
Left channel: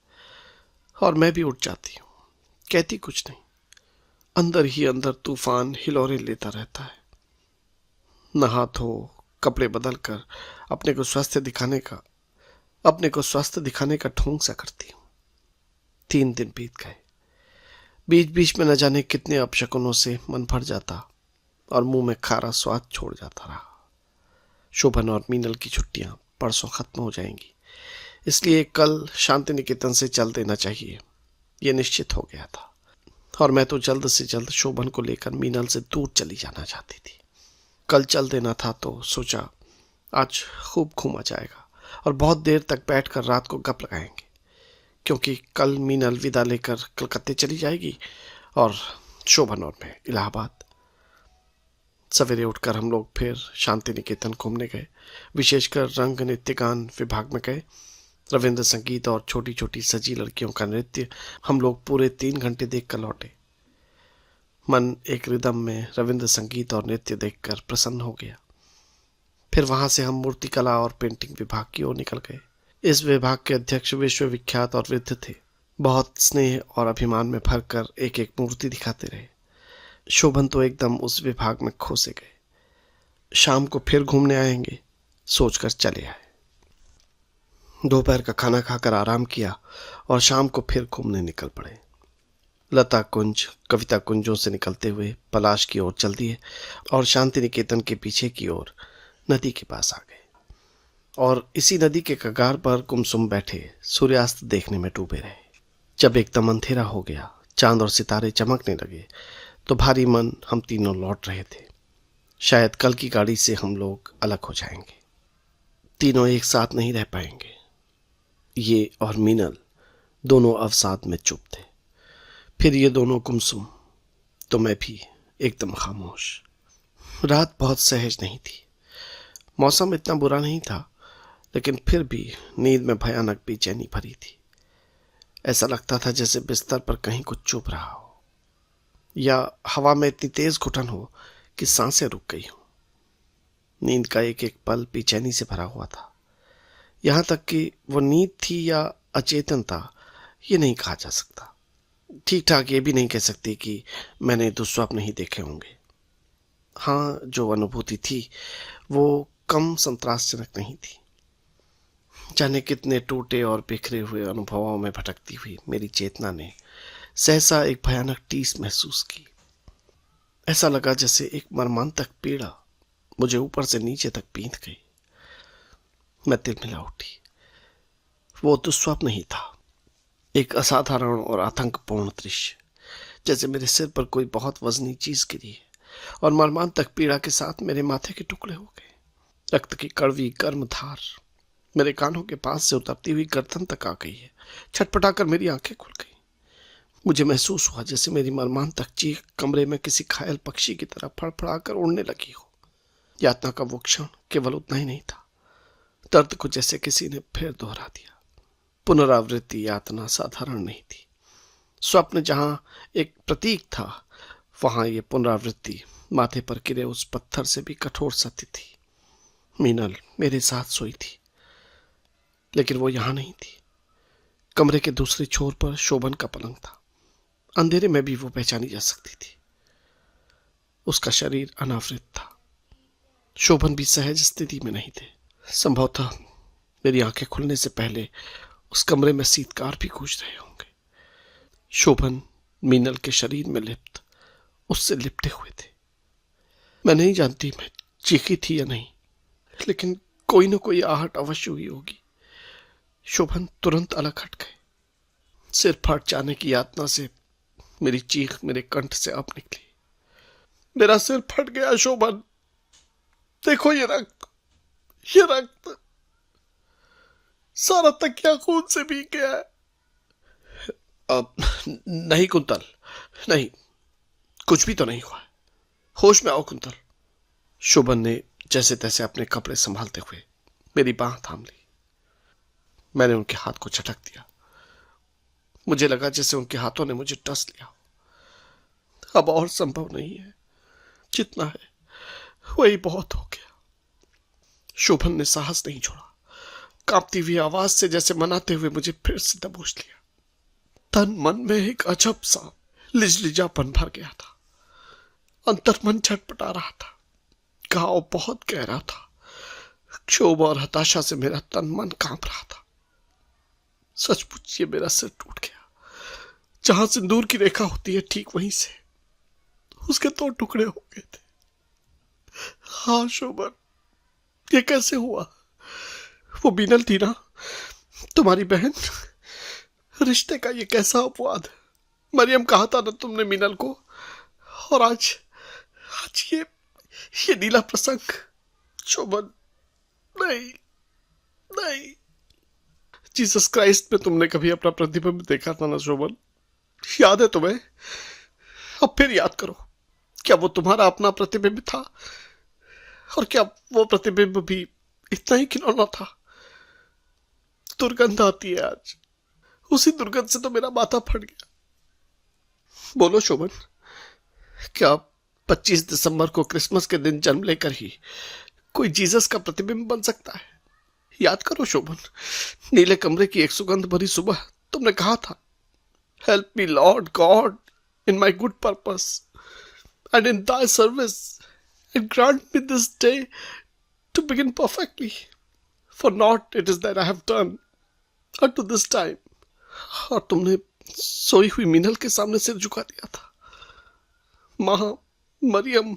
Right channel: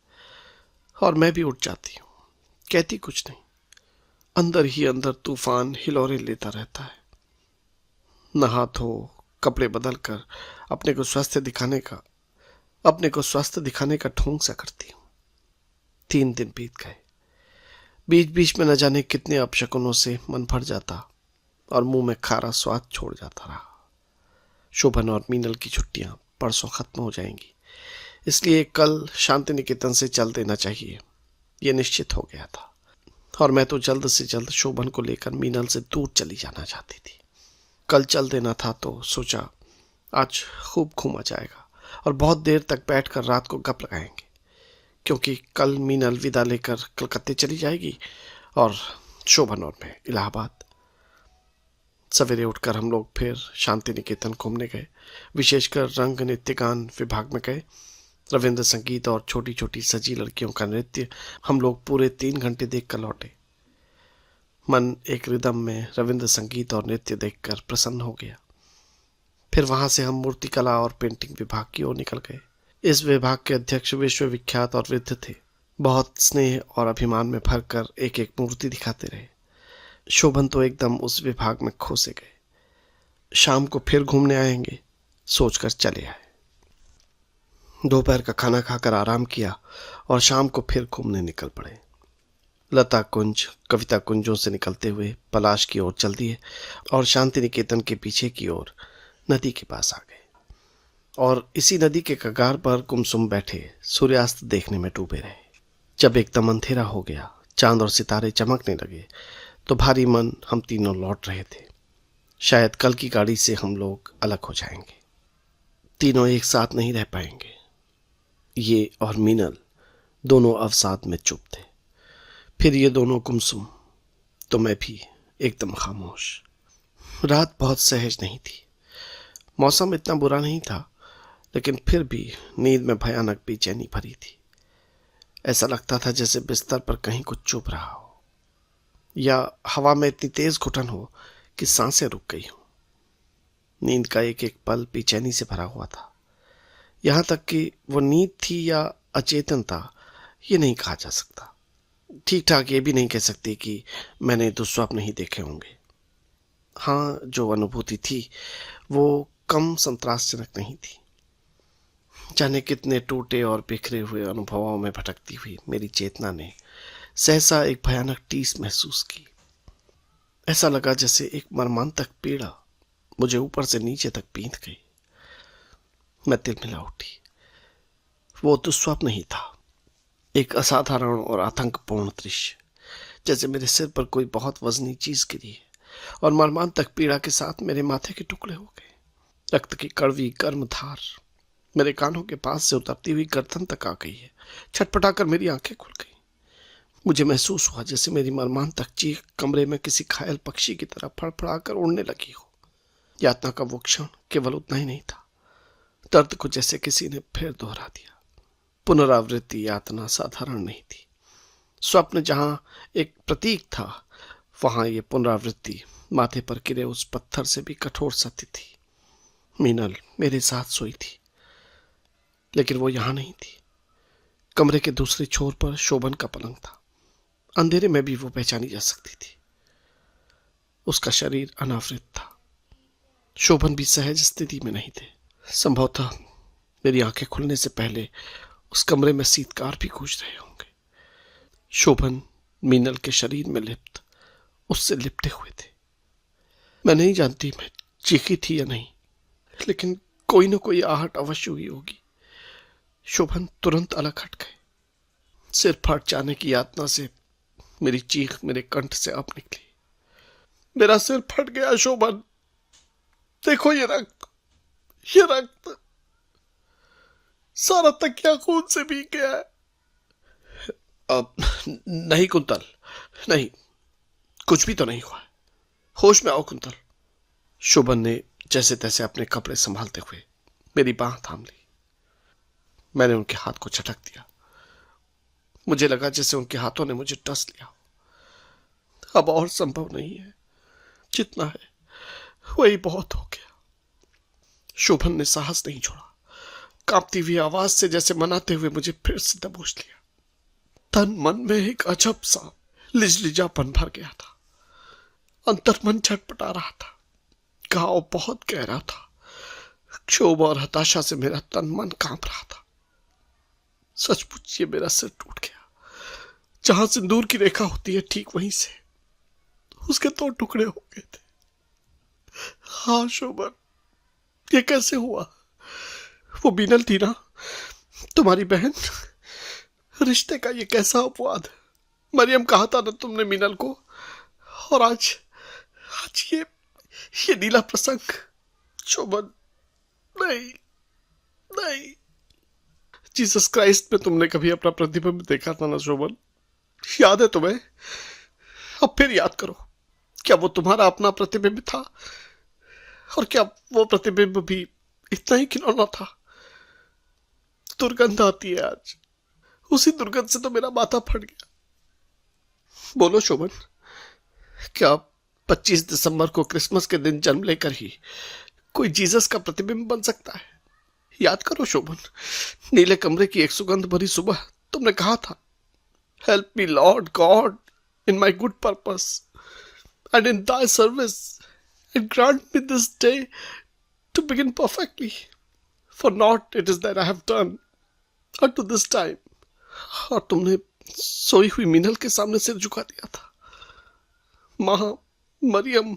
और मैं भी उठ जाती हूँ। कहती कुछ नहीं, अंदर ही अंदर तूफान हिलोरे लेता रहता है। नहा धो कपड़े बदल कर अपने को स्वस्थ दिखाने का ढोंग सा करती हूँ। 3 दिन बीत गए। बीच बीच में न जाने कितने अपशकुनों से मन भर जाता और मुंह में खारा स्वाद छोड़ जाता रहा। शोभन और मीनल की छुट्टियां परसों खत्म हो जाएंगी, इसलिए कल शांति निकेतन से चल देना चाहिए, यह निश्चित हो गया था। और मैं तो जल्द से जल्द शोभन को लेकर मीनल से दूर चली जाना चाहती थी। कल चल देना था तो सोचा आज खूब घूमा जाएगा और बहुत देर तक बैठकर रात को गप लगाएंगे, क्योंकि कल मीनल विदा लेकर कलकत्ते चली जाएगी और शोभन और मैं इलाहाबाद। सवेरे उठकर हम लोग फिर शांति निकेतन घूमने गए। विशेषकर रंग नृत्य गान विभाग में गए। रविंद्र संगीत और छोटी छोटी सजी लड़कियों का नृत्य हम लोग पूरे 3 घंटे देखकर लौटे। मन एक रिदम में रविंद्र संगीत और नृत्य देखकर प्रसन्न हो गया। फिर वहां से हम मूर्तिकला और पेंटिंग विभाग की ओर निकल गए। इस विभाग के अध्यक्ष विश्वविख्यात और वृद्ध थे। बहुत स्नेह और अभिमान में भरकर एक एक मूर्ति दिखाते रहे। शोभन तो एकदम उस विभाग में खो से गए। शाम को फिर घूमने आएंगे सोचकर चले आए। दोपहर का खाना खाकर आराम किया और शाम को फिर घूमने निकल पड़े। लता कुंज कविता कुंजों से निकलते हुए पलाश की ओर चल दिए और शांति निकेतन के पीछे की ओर नदी के पास आ गए और इसी नदी के कगार पर गुमसुम बैठे सूर्यास्त देखने में डूबे रहे। जब एकदम अंधेरा हो गया, चांद और सितारे चमकने लगे, तो भारी मन हम तीनों लौट रहे थे। शायद कल की गाड़ी से हम लोग अलग हो जाएंगे, तीनों एक साथ नहीं रह पाएंगे। ये और मीनल दोनों अवसाद में चुप थे। फिर ये दोनों गुमसुम, तो मैं भी एकदम खामोश। रात बहुत सहज नहीं थी। मौसम इतना बुरा नहीं था, लेकिन फिर भी नींद में भयानक बेचैनी भरी थी। ऐसा लगता था जैसे बिस्तर पर कहीं कुछ चुभ रहा हो या हवा में इतनी तेज घुटन हो कि सांसें रुक गई हो। नींद का एक एक पल बेचैनी से भरा हुआ था। यहां तक कि वो नींद थी या अचेतन था, ये नहीं कहा जा सकता। ठीक ठाक ये भी नहीं कह सकते कि मैंने दुस्वप्न नहीं देखे होंगे। हाँ, जो अनुभूति थी वो कम संतरासजनक नहीं थी। जाने कितने टूटे और बिखरे हुए अनुभवों में भटकती हुई मेरी चेतना ने सहसा एक भयानक टीस महसूस की। ऐसा लगा जैसे एक मर्मांतक पीड़ा मुझे ऊपर से नीचे तक बींध गई। मैं तिलमिला उठी। वो दुस्वप्न नहीं था, एक असाधारण और आतंकपूर्ण दृश्य, जैसे मेरे सिर पर कोई बहुत वजनी चीज गिरी है और मर्मांतक पीड़ा के साथ मेरे माथे के टुकड़े हो गए। रक्त की कड़वी गर्म धार मेरे कानों के पास से उतरती हुई गर्दन तक आ गई है। छटपटाकर मेरी आंखें खुल गई। मुझे महसूस हुआ जैसे मेरी मर्मांतक चीख कमरे में किसी घायल पक्षी की तरह फड़फड़ाकर उड़ने लगी हो। यातना का वो क्षण केवल उतना ही नहीं था, दर्द को जैसे किसी ने फिर दोहरा दिया। पुनरावृत्ति यातना साधारण नहीं थी। स्वप्न जहां एक प्रतीक था, वहां ये पुनरावृत्ति माथे पर गिरे उस पत्थर से भी कठोर सत्य थी। मीनल मेरे साथ सोई थी, लेकिन वो यहां नहीं थी। कमरे के दूसरे छोर पर शोभन का पलंग था। अंधेरे में भी वो पहचानी जा सकती थी। उसका शरीर अनावृत था। शोभन भी सहज स्थिति में नहीं थे। संभवतः मेरी आंखें खुलने से पहले उस कमरे में शीतकार भी गूंज रहे होंगे। शोभन मीनल के शरीर में लिप्त, उससे लिपटे हुए थे। मैं नहीं जानती मैं चीखी थी या नहीं, लेकिन कोई न कोई आहट अवश्य हुई होगी। शोभन तुरंत अलग हट गए। सिर फट जाने की यातना से मेरी चीख मेरे कंठ से अब निकली। मेरा सिर फट गया शोभन, देखो ये रक्त, ये रक्त सारा तकिया खून से भीग गया है। नहीं कुंतल, नहीं, कुछ भी तो नहीं हुआ। होश में आओ कुंतल। शोभन ने जैसे तैसे अपने कपड़े संभालते हुए मेरी बांह थाम ली। मैंने उनके हाथ को झटक दिया। मुझे लगा जैसे उनके हाथों ने मुझे टस लिया। अब और संभव नहीं है, जितना है वही बहुत हो गया। शोभन ने साहस नहीं छोड़ा। कांपती हुई आवाज से जैसे मनाते हुए मुझे फिर से दबोच लिया। तन मन में एक अजब सा लिजलिजापन भर गया था। अंतर्मन छटपटा रहा था। घाव बहुत गहरा था। क्षोभ और हताशा से मेरा तन मन कांप रहा था। सचमुच ये मेरा सिर टूट गया। जहां सिंदूर की रेखा होती है ठीक वहीं से उसके 2 टुकड़े हो गए थे। हाँ शोभन, ये कैसे हुआ? वो बीनल थी ना, तुम्हारी बहन? रिश्ते का ये कैसा अपवाद। मरियम कहा था ना तुमने मीनल को, और आज आज ये नीला प्रसंग। शोभन, नहीं नहीं। जीसस क्राइस्ट में तुमने कभी अपना प्रतिबिंब देखा था ना शोभन? याद है तुम्हें? अब फिर याद करो, क्या वो तुम्हारा अपना प्रतिबिंब था? और क्या वो प्रतिबिंब भी इतना ही खिलौना था? दुर्गंध आती है आज। उसी दुर्गंध से तो मेरा माथा फट गया। बोलो शोभन, क्या 25 दिसंबर को क्रिसमस के दिन जन्म लेकर ही कोई जीसस का प्रतिबिंब बन सकता है? याद करो शोभन, नीले कमरे की एक सुगंध भरी सुबह तुमने कहा था, help me Lord God in my good purpose and in thy service, and grant me this day to begin perfectly, for naught it is that I have done unto this time. और तुमने सोई हुई मीनल के सामने सिर झुका दिया था। मां मरियम,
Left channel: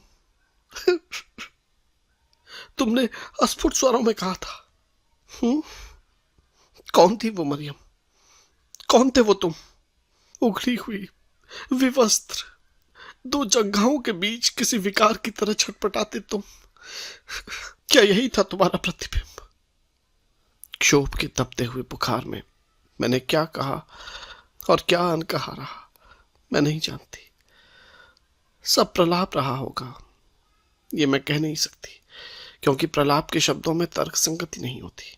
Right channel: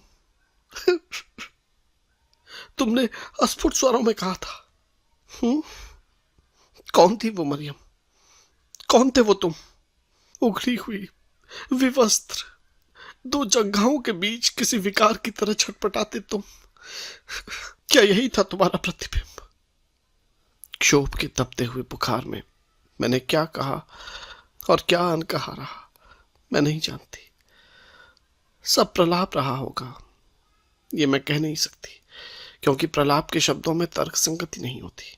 तुमने अस्फुट स्वरों में कहा था। कौन थी वो मरियम? कौन थे वो तुम? उघड़ी हुई, विवस्त्र, 2 जंघाओं के बीच किसी विकार की तरह छटपटाते तुम। क्या यही था तुम्हारा प्रतिबिंब? क्षोभ के तपते हुए बुखार में मैंने क्या कहा और क्या अनकहा रहा, मैं नहीं जानती। सब प्रलाप रहा होगा, ये मैं कह नहीं सकती, क्योंकि प्रलाप के शब्दों में तर्क संगति नहीं होती,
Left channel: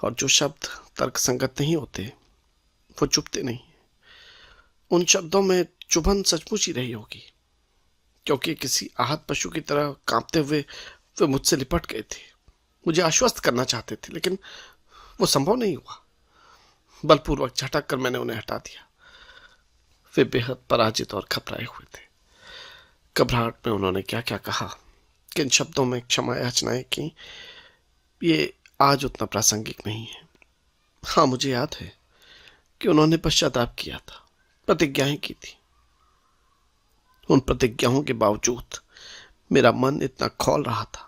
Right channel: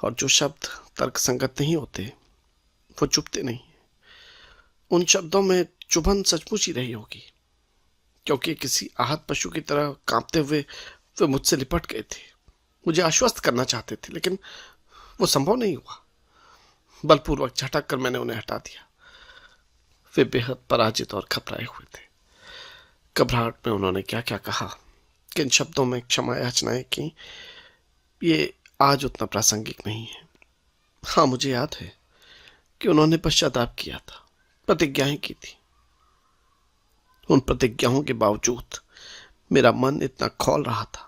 और जो शब्द तर्क संगत नहीं होते वो चुभते नहीं। उन शब्दों में चुभन सचमुच ही रही होगी, क्योंकि किसी आहत पशु की तरह कांपते हुए वे मुझसे लिपट गए थे। मुझे आश्वस्त करना चाहते थे, लेकिन वो संभव नहीं हुआ। बलपूर्वक झटक कर मैंने उन्हें हटा दिया। वे बेहद पराजित और घबराए हुए थे। घबराहट में उन्होंने क्या क्या कहा, किन शब्दों में क्षमा याचनाएं की, ये आज उतना प्रासंगिक नहीं है। हाँ, मुझे याद है कि उन्होंने पश्चाताप किया था, प्रतिज्ञाएं की थी। उन प्रतिज्ञाओं के बावजूद मेरा मन इतना खौल रहा था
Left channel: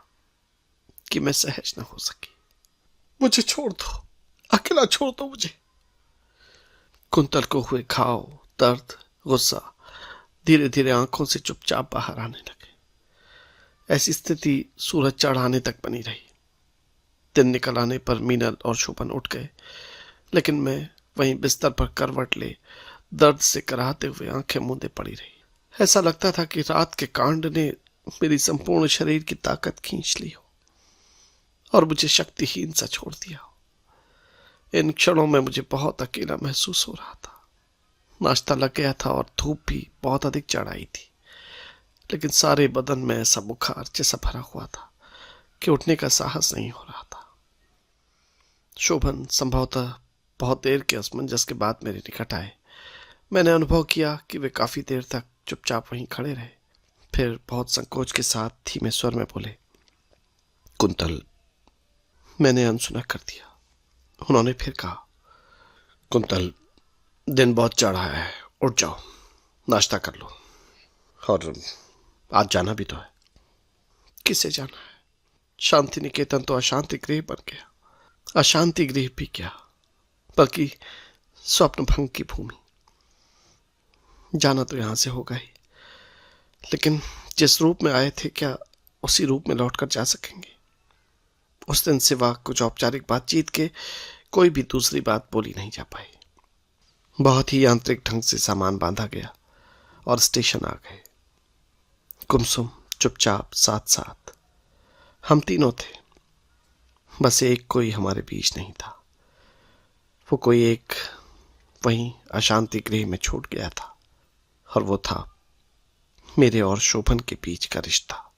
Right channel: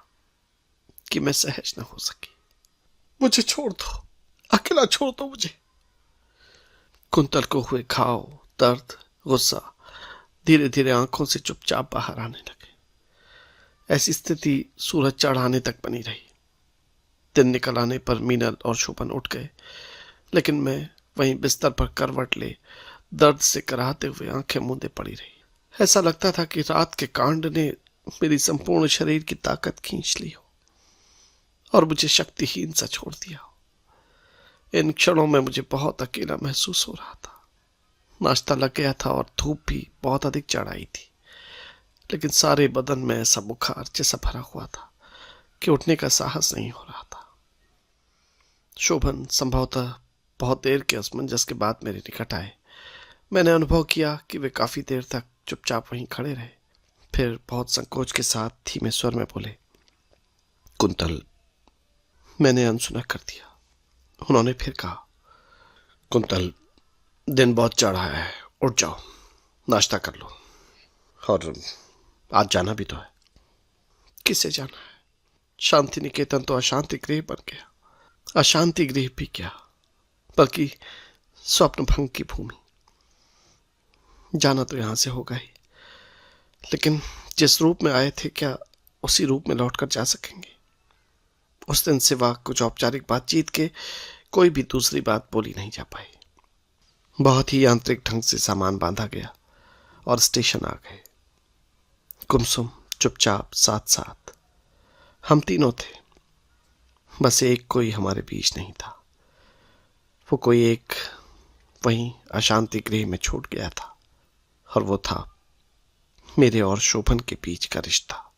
कि मैं सहज न हो सकी। मुझे छोड़ दो, अकेला छोड़ दो मुझे। कुंतल को हुए घाव, दर्द, गुस्सा धीरे धीरे आंखों से चुपचाप बाहर आने लगे। ऐसी स्थिति सूरज चढ़ाने तक बनी रही। दिन निकल आने पर मीनल और शोभन उठ गए, लेकिन मैं वहीं बिस्तर पर करवट ले दर्द से कराहते हुए आंखें मूंदे पड़ी रही। ऐसा लगता था कि रात के कांड ने मेरी संपूर्ण शरीर की ताकत खींच ली हो और मुझे शक्तिहीन सा छोड़ दिया हो। इन क्षणों में मुझे बहुत अकेला महसूस हो रहा था। नाश्ता लग गया था और धूप भी बहुत अधिक चढ़ आई थी, लेकिन सारे बदन में ऐसा बुखार जैसा भरा हुआ था कि उठने का साहस नहीं हो रहा था। शोभन संभवतः बहुत देर के असमंजस के बाद मेरे निकट आए। मैंने अनुभव किया कि वे काफी देर तक चुपचाप वहीं खड़े रहे। फिर बहुत संकोच के साथ धीमे स्वर में बोले, कुंतल। मैंने अनसुना कर दिया। उन्होंने फिर कहा, कुंतल, दिन बहुत चढ़ा है, उठ जाओ, नाश्ता कर लो, और आज जाना भी तो है। किसे जाना है? शांति निकेतन तो अशांति गृह बन गया। अशांति गृह भी क्या, बल्कि स्वप्न भंग की भूमि। जाना तो यहां से होगा ही, लेकिन जिस रूप में आए थे, क्या उसी रूप में लौटकर जा सकेंगे। उस दिन सिवा कुछ औपचारिक बातचीत के कोई भी दूसरी बात बोली नहीं जा पाई। बहुत ही यांत्रिक ढंग से सामान बांधा गया और स्टेशन आ गए। गुमसुम चुपचाप साथ साथ हम तीनों थे। बस एक कोई हमारे बीच नहीं था। वो कोई एक वहीं अशांति गृह में छूट गया था, और वो था मेरे और शोभन के बीच का रिश्ता।